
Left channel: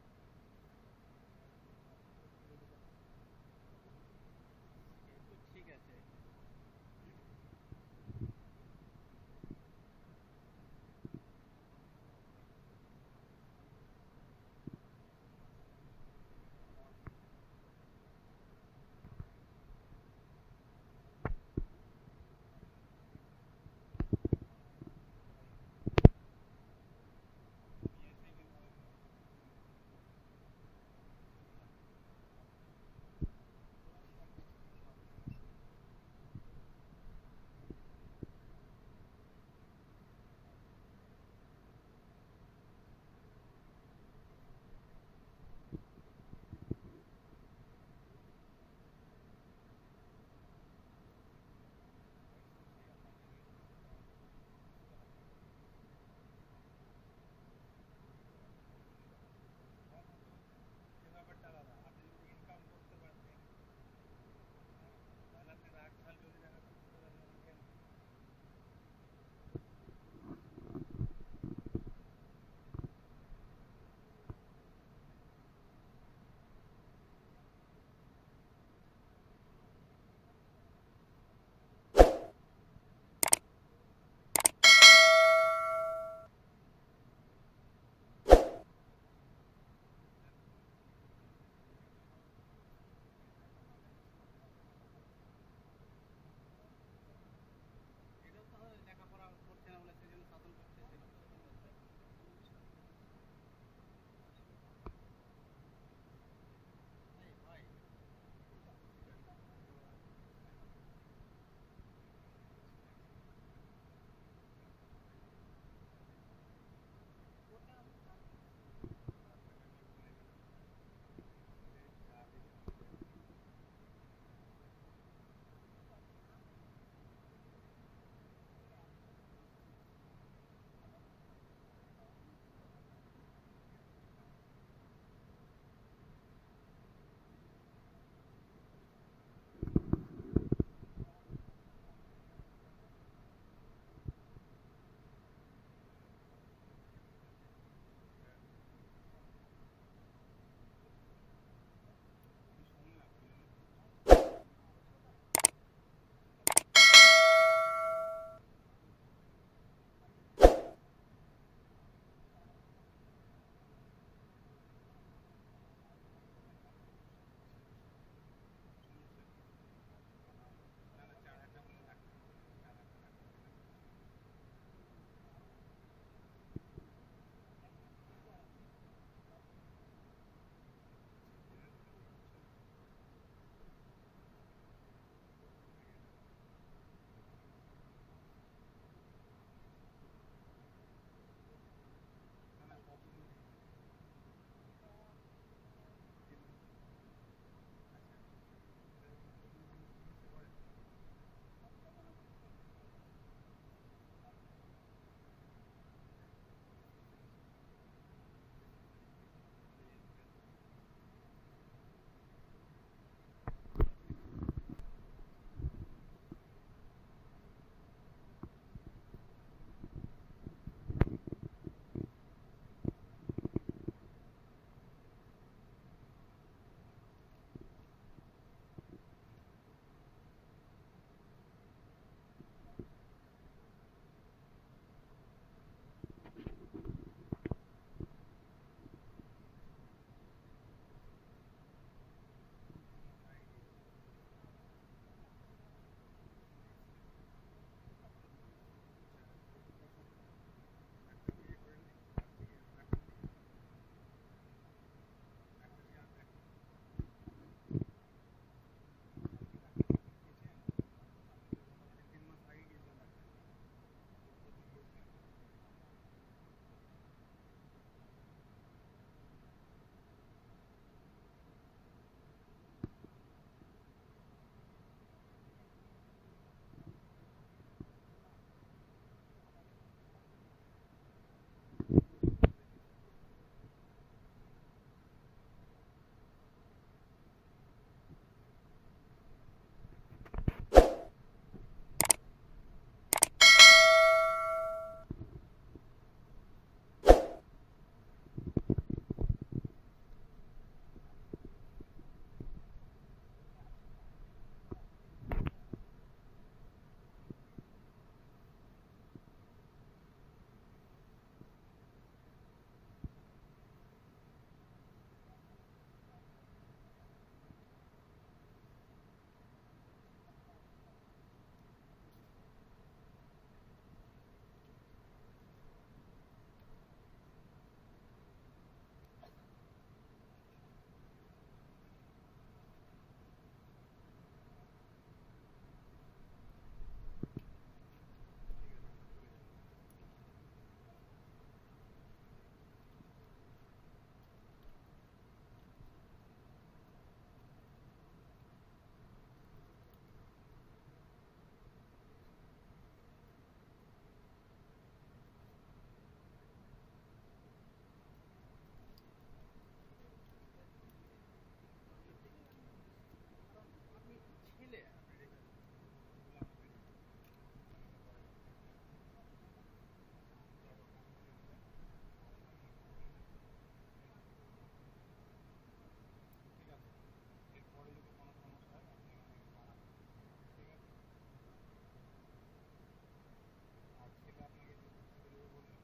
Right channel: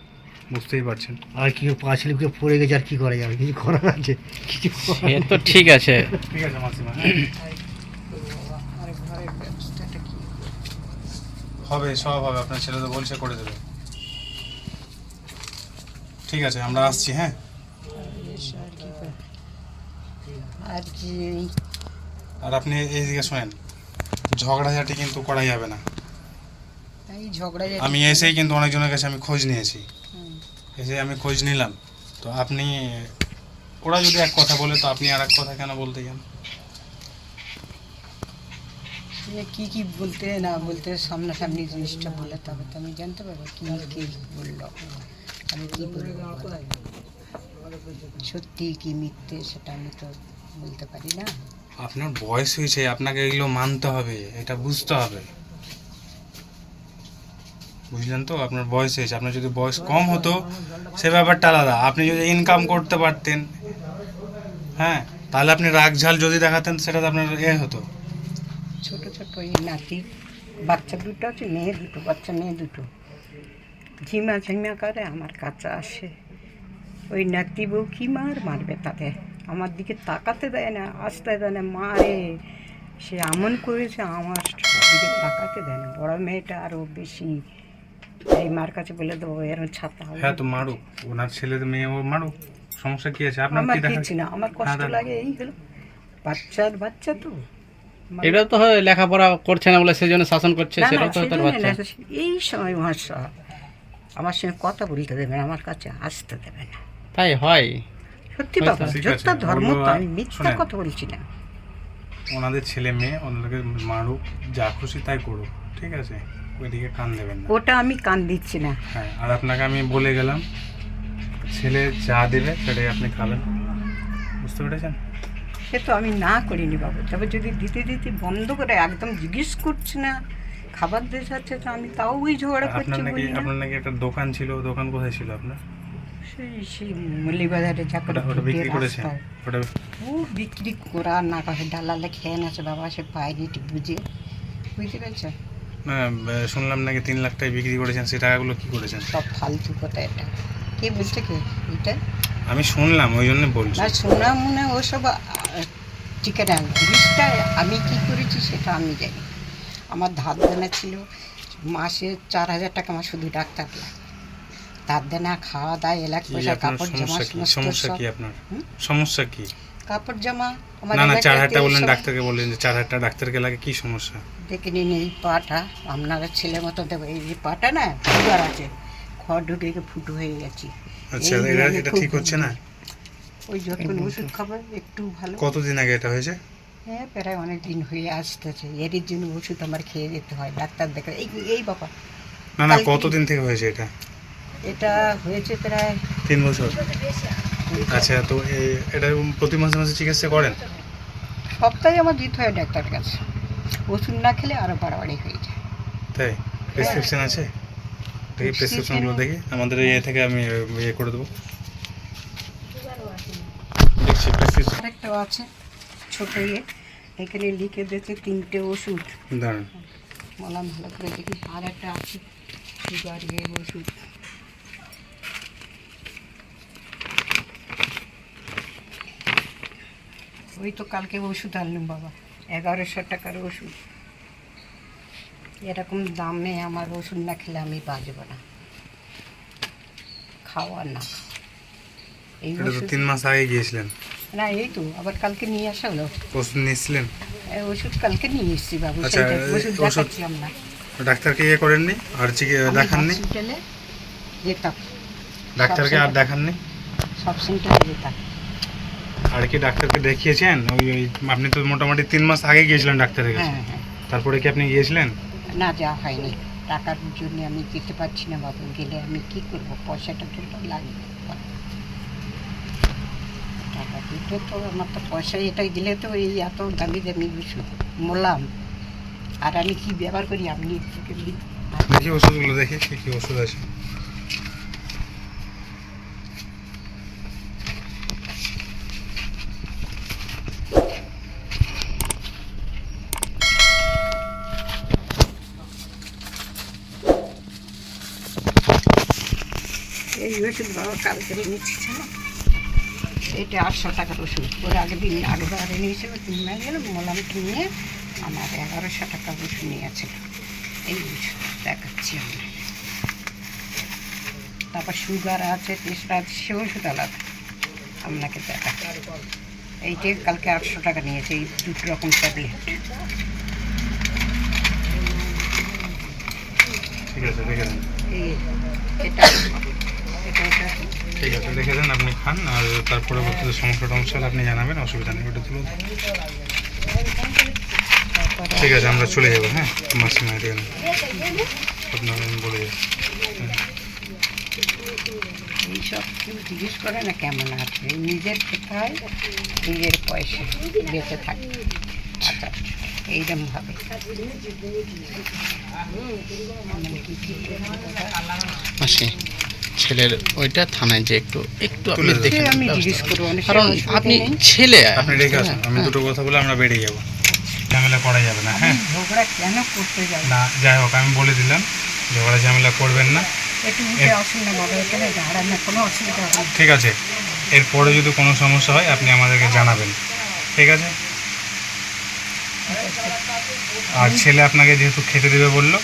বুঝতেই পারছেন। আর কি পা স্লিপকে পড়ে গেছে, আর কি করা যাবে? কিছু করার আছে? কিছু সে তো ঠিক আছে। ঠিক আছে মাসিমা, আর ঘরের ব্যবস্থাটা কি? হবে, সব হবে, আপনার ছেলে তো বলছে করে দেবে। ঠিক আছে, আমরা আসছি। হ্যাঁ, আর কি আর কি আর আপনি এইদিকে শোনেন, ঝগড়াঝাটি কিন্তু করা যাবে না। এই ঝগড়া আমি এসেই কিন্তু অনেকজনের কাছে আমি খোঁজ নিয়েছি, এসে আমি খোঁজ নিলাম, তো আপনি ওরা যদি এক কথা বলে তো আপনি আর এক কথা কেন বলতে যান? কি কি বলতে না বলতে সামনাসামনি জিনিসটা বলে, তবে তো আমি জানতে পারবো কি কি বললো, আমি কি বলবো। সত্যি কি মিথ্যে সেটা আমি তো বলতে পারি না। আপনার বয়স হয়েছে, আপনাকে এগুলো মানতে হবে, এটা বুঝতে হবে, বুঝলেন তো? আপনার বয়স হয়েছে, আপনার যদি বয়স কম হতো সে ব্যাপারটা আলাদা। আপনি যদি ইনকাম করতে পারতেন, হ্যাঁ, তাহলে আপনি রাগ ঝাল যদি দেখাতেন সেটা তো আপনার হতো। ছোট ছোট এই নাতি বাচ্চা দুটো আছে, মেয়ে দুটো, বাচ্চা মেয়ে দুটো ঝিমা ঝিমা করে আমার কাছে আসে। ওই নাতি বউ কি মারবে তাদের, আমার দিকে তাকাতে দেয় না, আসতে দেয় না, মারে। সে এমন করেছে আমার দিকে তাকাতে দেয় না। বড় মেয়েটা আরও বেশি এই মার কাছে বলে দেবো এরকম ছাড়তে হবে হ্যাঁ তো মারুক, ওনার ছেলে মেয়ে ও মারুক, সমস্যা কি আছে? আপনার আমার কি দেখা? কিচ্ছু না, আমার কষ্ট হ্যাঁ, লাগে এইগুলো, বাচ্চা তো এটা তো হয় লেখাপড়া করছে না বলে সেই জন্য শাসন করছে, না, সেটাও তো তার সেজন্য বাচ্চা। না, এই সময় মহাশয় আমার সঙ্গে কথা বলতে দেবে না, আমার কাছে আসতে দেবে না। তাই হয়। সত্যি হয়তো, বাবা, ঠিক যত আছে, ধর্ম ওগুলো তো আমি মিথ্যা শোনেন। কথা বলছি না। ওনাদের ছেলে মেয়ে ওনাদেরকে মারুক, যা খুশি তাই করুক, ঠিক আছে? ওইদিকে কান দেবেন না। ওটা আমি কান দিচ্ছি না। হ্যাঁ, আর আপনাকে আমি বলে গেলাম, ছেলে যা দেবে সেটাই আপনি খাবেন, বুঝতে পেরেছেন? সে তো আমি না করিনি বাবু, তবে যদি দিতে বন্ধ করে একদম জিজ্ঞেস করছে না, খাবার দিয়ে যাচ্ছে, তো আমি তাও ওই ঝগড়া করছি বলি না। আপনার নাকি একটা দোকান ছিল, দোকান কোথায় ছিল আপনার? সেই মল্লিবাজারে যা করে ওটা বিক্রি করেছেন? রাস্তায় ওটা ও বিক্রি করা না করে ডালালে খেয়ে নেছে বাবা, সে পায়নি বুঝে, বুঝতে পেরেছেন? না, শুনলাম নাকি 3 লাখ টাকায় বিক্রি করেছেন, সেই টাকাগুলো কি করেছেন? সব ফালতু কথা এটা। কে বলছে কে এটা? আমি শুনলাম, ওই জন্য বলছি। না শোনা মনে ওসব ঠিক আছে, জিনিসটা আমি কি করেছি সেটা আমি জানি। আমার ধার দেনা ছিল মাসে 4,000 টাকা, আমার শুধু ডাক্তার লাগে, ধার দেনা, খাওয়া দাওয়া, এলাক কি পয়সা, আপনার কাপড় জামা, সমস্যা কি? সমস্ত সমস্যা সব। কি আপনার? হুম? সমস্যা কি? কাপড় জামা আমার না না, এলাকাতে 4,000 টাকা বললেন, সব ডাক্তারকে বললেন যে 4,000 টাকা ডাক্তারকে লাগে, কি সমস্যা? দেখে নিন এই পাটা, আপনারা ছেলে মতো দেবো, এই যে পাটা না সুগার আছে, খড় ঢুকে গিয়ে ফুটো হয়ে গেছি। আচ্ছা, এই নিয়ে আমি এটা খুব ঠিক হচ্ছে না? ওই যখন ওষুধ খাবার একটু ভালো। কতদিন আগে এটা হয়েছে? হ্যাঁ প্রায় অনেক দিন হয়ে আসতেছে, এর জন্য ওষুধ আমার খেয়ে যেতে হয়, ডাক্তার দেখে। এই বাবা, না না, কালকে- কতদিন থেকে হয়েছে এটা? এটা হয়েছে প্রায় 3 বছর। আচ্ছা, তো এটা প্রতি মাসে মাসে চিকিৎসা করেন? সপ্তাহে আমার দিতে হয় ডাক্তারের কাছে, ওষুধ না খেলে আরও বাড়াবাড়ি হয়ে যায়। তাই? প্রেসক্রিপশন আছে? দেখি প্রেসক্রিপশনগুলো দেখি, আমাদের ইয়ে থেকে আমি ইয়ে করে দেবো। দেখছি প্রেসক্রিপশন। আরেকটাও আছে ছোট ইয়ে, এখানে লিখে দিয়েছে 3টে ওষুধ, দাঁড়ান, বললাম ভালো করে দেখি। আর একটা আছে সুগার ওষুধ, ওই তো কালকে ওষুধ আনলাম বাবা, 1100 টাকার ওষুধ। এরকম দামে আমার ওষুধ না খেলে আমি বাঁচব না, খাওয়া না এই এটা তো ওষুধ। 3 মাস আগে গিয়েছিলেন, না এই তো আবার কালকে নিয়ে আসা হলো, ওষুধ নিয়েছিলেন? এই ওষুধ কালকে নিয়ে এসেছি বাবু, আচ্ছা, সেইটা ওষুধ ওষুধ- দেখাচ্ছিলাম না। ডাক্তারকে ইয়ে করেননি আর আমি দেখাননি? হসপিটালে যেতাম, ডাক্তারকে আর দেখাননি? সব সেন্টারে যেতাম। আর কি ডাক্তারকে দেখিয়েছেন? ওই আপনি তো মোটামুটি 3 মাস আগে গিয়েছিলেন ডাক্তারের কাছে, হ্যাঁ হ্যাঁ, তারপরে কি আপনি গিয়েছিলেন? না যাওয়া হয়নি, টাকার জন্য আমি যেতে পারছি না বাবু, গেলে আমি কি করব, পয়সাটা তো লাগবে, টাকা দিতে তো আমার তো পয়সা, এটা দিলে তো এই এত দামি দামি ওষুধ মোলাম, আর আমি কি ব্যবহার করি আপনি একটু দেখি ওষুধগুলো, দেখি কি কি ওষুধ আছে। এই ওষুধ বাবা কালকে নিচ্ছি না, এটা 800 টাকার ওষুধ, ওর আগের দিন আগেবারে নিয়েছিল, কিনে গেল মোলাম কিনে আমার 1100 টাকা ওষুধ নিয়েছিল। এই ওষুধ দেখাচ্ছি আমরা, তারপর সুগার আছে, প্রেশার আছে, সে ওষুধ আলাদা আপনাকে দেখাচ্ছি। এইটা কালকে 800 টাকা নিয়েছে, এই 2 রকম ট্যাবলেট। ঠিক আছে, রেখে দেন। এই এটা এটা ওটা ঠিক আছে, রেখে দেন, আপনি খান, আর তার পরবর্তীতে সমস্যা টমস্যা হলে আপনি জানাবেন, অসুবিধা নেই, ওটা তুলে দেন। তারপরে ঠিক আছে, আমরা চলে যাবো। হ্যাঁ, মাসিমা এখানে আপনার আমি বলে যাবো। এইসব কেউ জিজ্ঞেস করে না কেমন আছে, নিজের খেতে হয়, নিজের পয়সা বেঁচে থাকে। আচ্ছা এইরকমভাবে মাসি, ছেলের ওইটা থানায় যে একটু একটু আপনি তুলে দেখে আমি নেন, জিজ্ঞেস করবো, অনেক কারণ সময় অসুবিধা আপনি নেই। ছেলে। আপনি রেখে আসুন, আমি দুটো কথা বলে আমরা বেরিয়ে যাবো, ঝামেলা করা যাবে না। হ্যাঁ, ঝগড়া কেন করতে যাবো? না যাই হোক, আমি বলে দিলাম ঝগড়া ঝামেলা করবেন না, একটু উঠে আসুন না বাবা, এখানে দাঁড়ান না, কোনো অসুবিধা হবে না। ঠিক আছে? এরপরে যদি কোনো সমস্যা হয় আপনি আমাদেরকে জানাবেন, ঠিক আছে? আর ছেলে আপনাকে যেহেতু খেতে দেবে বললো,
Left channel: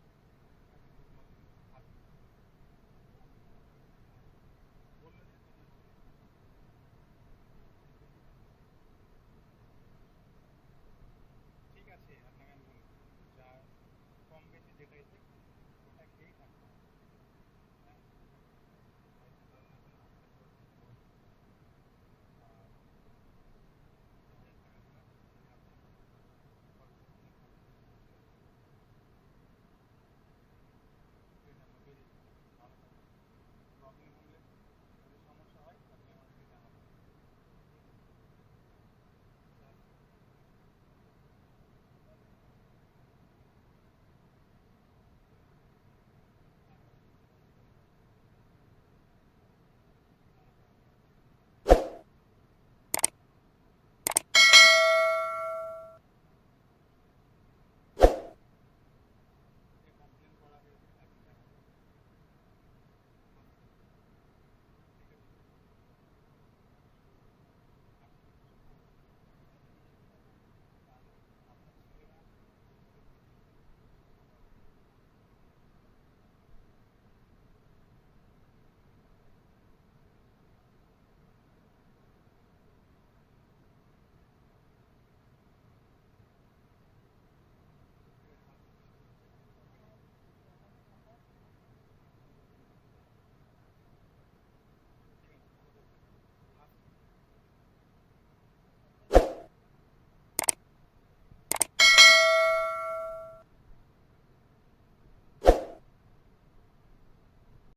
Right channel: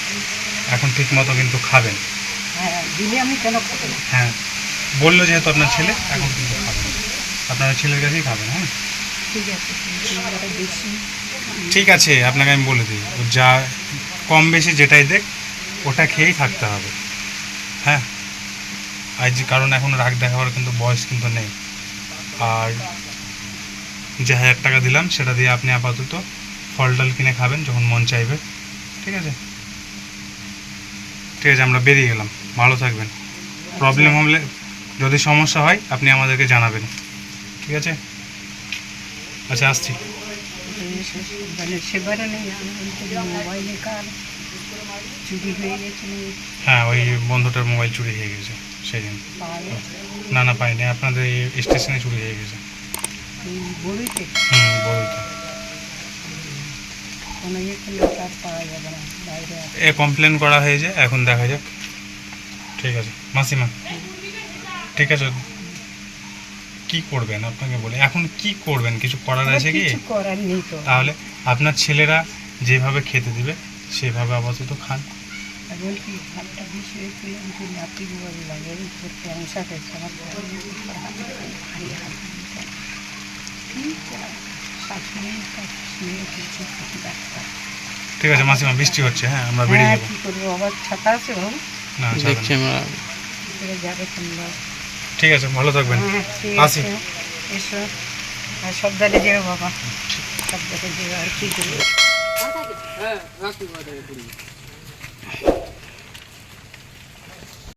এখন ঠিক মতো কিন্তু খাবেন, হ্যাঁ দিলে আমি কেন খাবো না? হ্যাঁ, বললো যেহেতু আপনার ছেলে, এখন কিন্তু খাবেন, আপনার ছেলের কাছেই খাবেন। হ্যাঁ ঠিক আছে, কিন্তু এবারে বেশি ঠিক আছে, আপনাকে আমি বলে দিই, ও যা কম বেশি যেটাই দেখ ওটা খেয়েই থাকতে হবে। হ্যাঁ, আজ কারণ এখন রাগ দেখাবার কিন্তু বয়স কিন্তু নেই। আর যে 1000 টাকা দিলাম সেটা দিয়ে আপনি আপাতত ফল টল কিনে খাবেন যখন মন চাইবে। ঠিক আছে, ঠিক আছে, আমরা বেরিয়ে গেলাম, ভালো থাকবেন। প্রবলেম হলে, যদি সমস্যা হয় আপনি আমাদেরকে জানাবেন। ঠিক আছে, আচ্ছা আসছি। মানে সেবারে নেই, আমার মোবাইলে কার চুরি হয়ে গেছে, হ্যাঁ, ওই বন্ধুটার মোবাইল চুরি হয়ে গেছে সেদিন। পাওয়া গেছে না না, পাইনি, আপনাদের এই স্টেশনে চুরি হয়ে গেছে। এই বড়িতে বলতে কোনো ইয়ে করলে তার পাওয়া যাবে না, বাইরে আছে। এ কমপ্লেন করা হয়েছে, এখন দেখা যাক। ঠিক আছে মাসিমা, ঠিক আছে, কি করবেন আপনাকে বলে, এখন কি করবেন, কিছু করার আছে কি? কিছু করার নেই তো। তাহলে আপনার ছেলেরা যেভাবে খেতে দিবে সেভাবে আপাতত খান। এখন কি ভাতটা বেশি হয়েছিল, কিন্তু নাতি বল লাগে এই তোর ক্যান্সার হয়েছে, আমার ভারী হাত শাশুড়ি মেয়ে কিছু ক্ষতি ডাক্তার। ঠিক আছে মাসিমা, বৃষ্টি হচ্ছে, হ্যাঁ আমরা বেরিয়ে হ্যাঁ যাবো। কী করবো, আবার ছাতা আছে বাবু, না ছাড়বেন দেখছি না। আমরা। এবারে যাবে তোমরা। ঠিক আছে, ভালো থাকবেন। হ্যাঁ ঠিক আসি। আছে, এসো, আর সাবধানে যেও বাবা, সাবধানে যেও, আর কি করবো। হ্যাঁ রাখি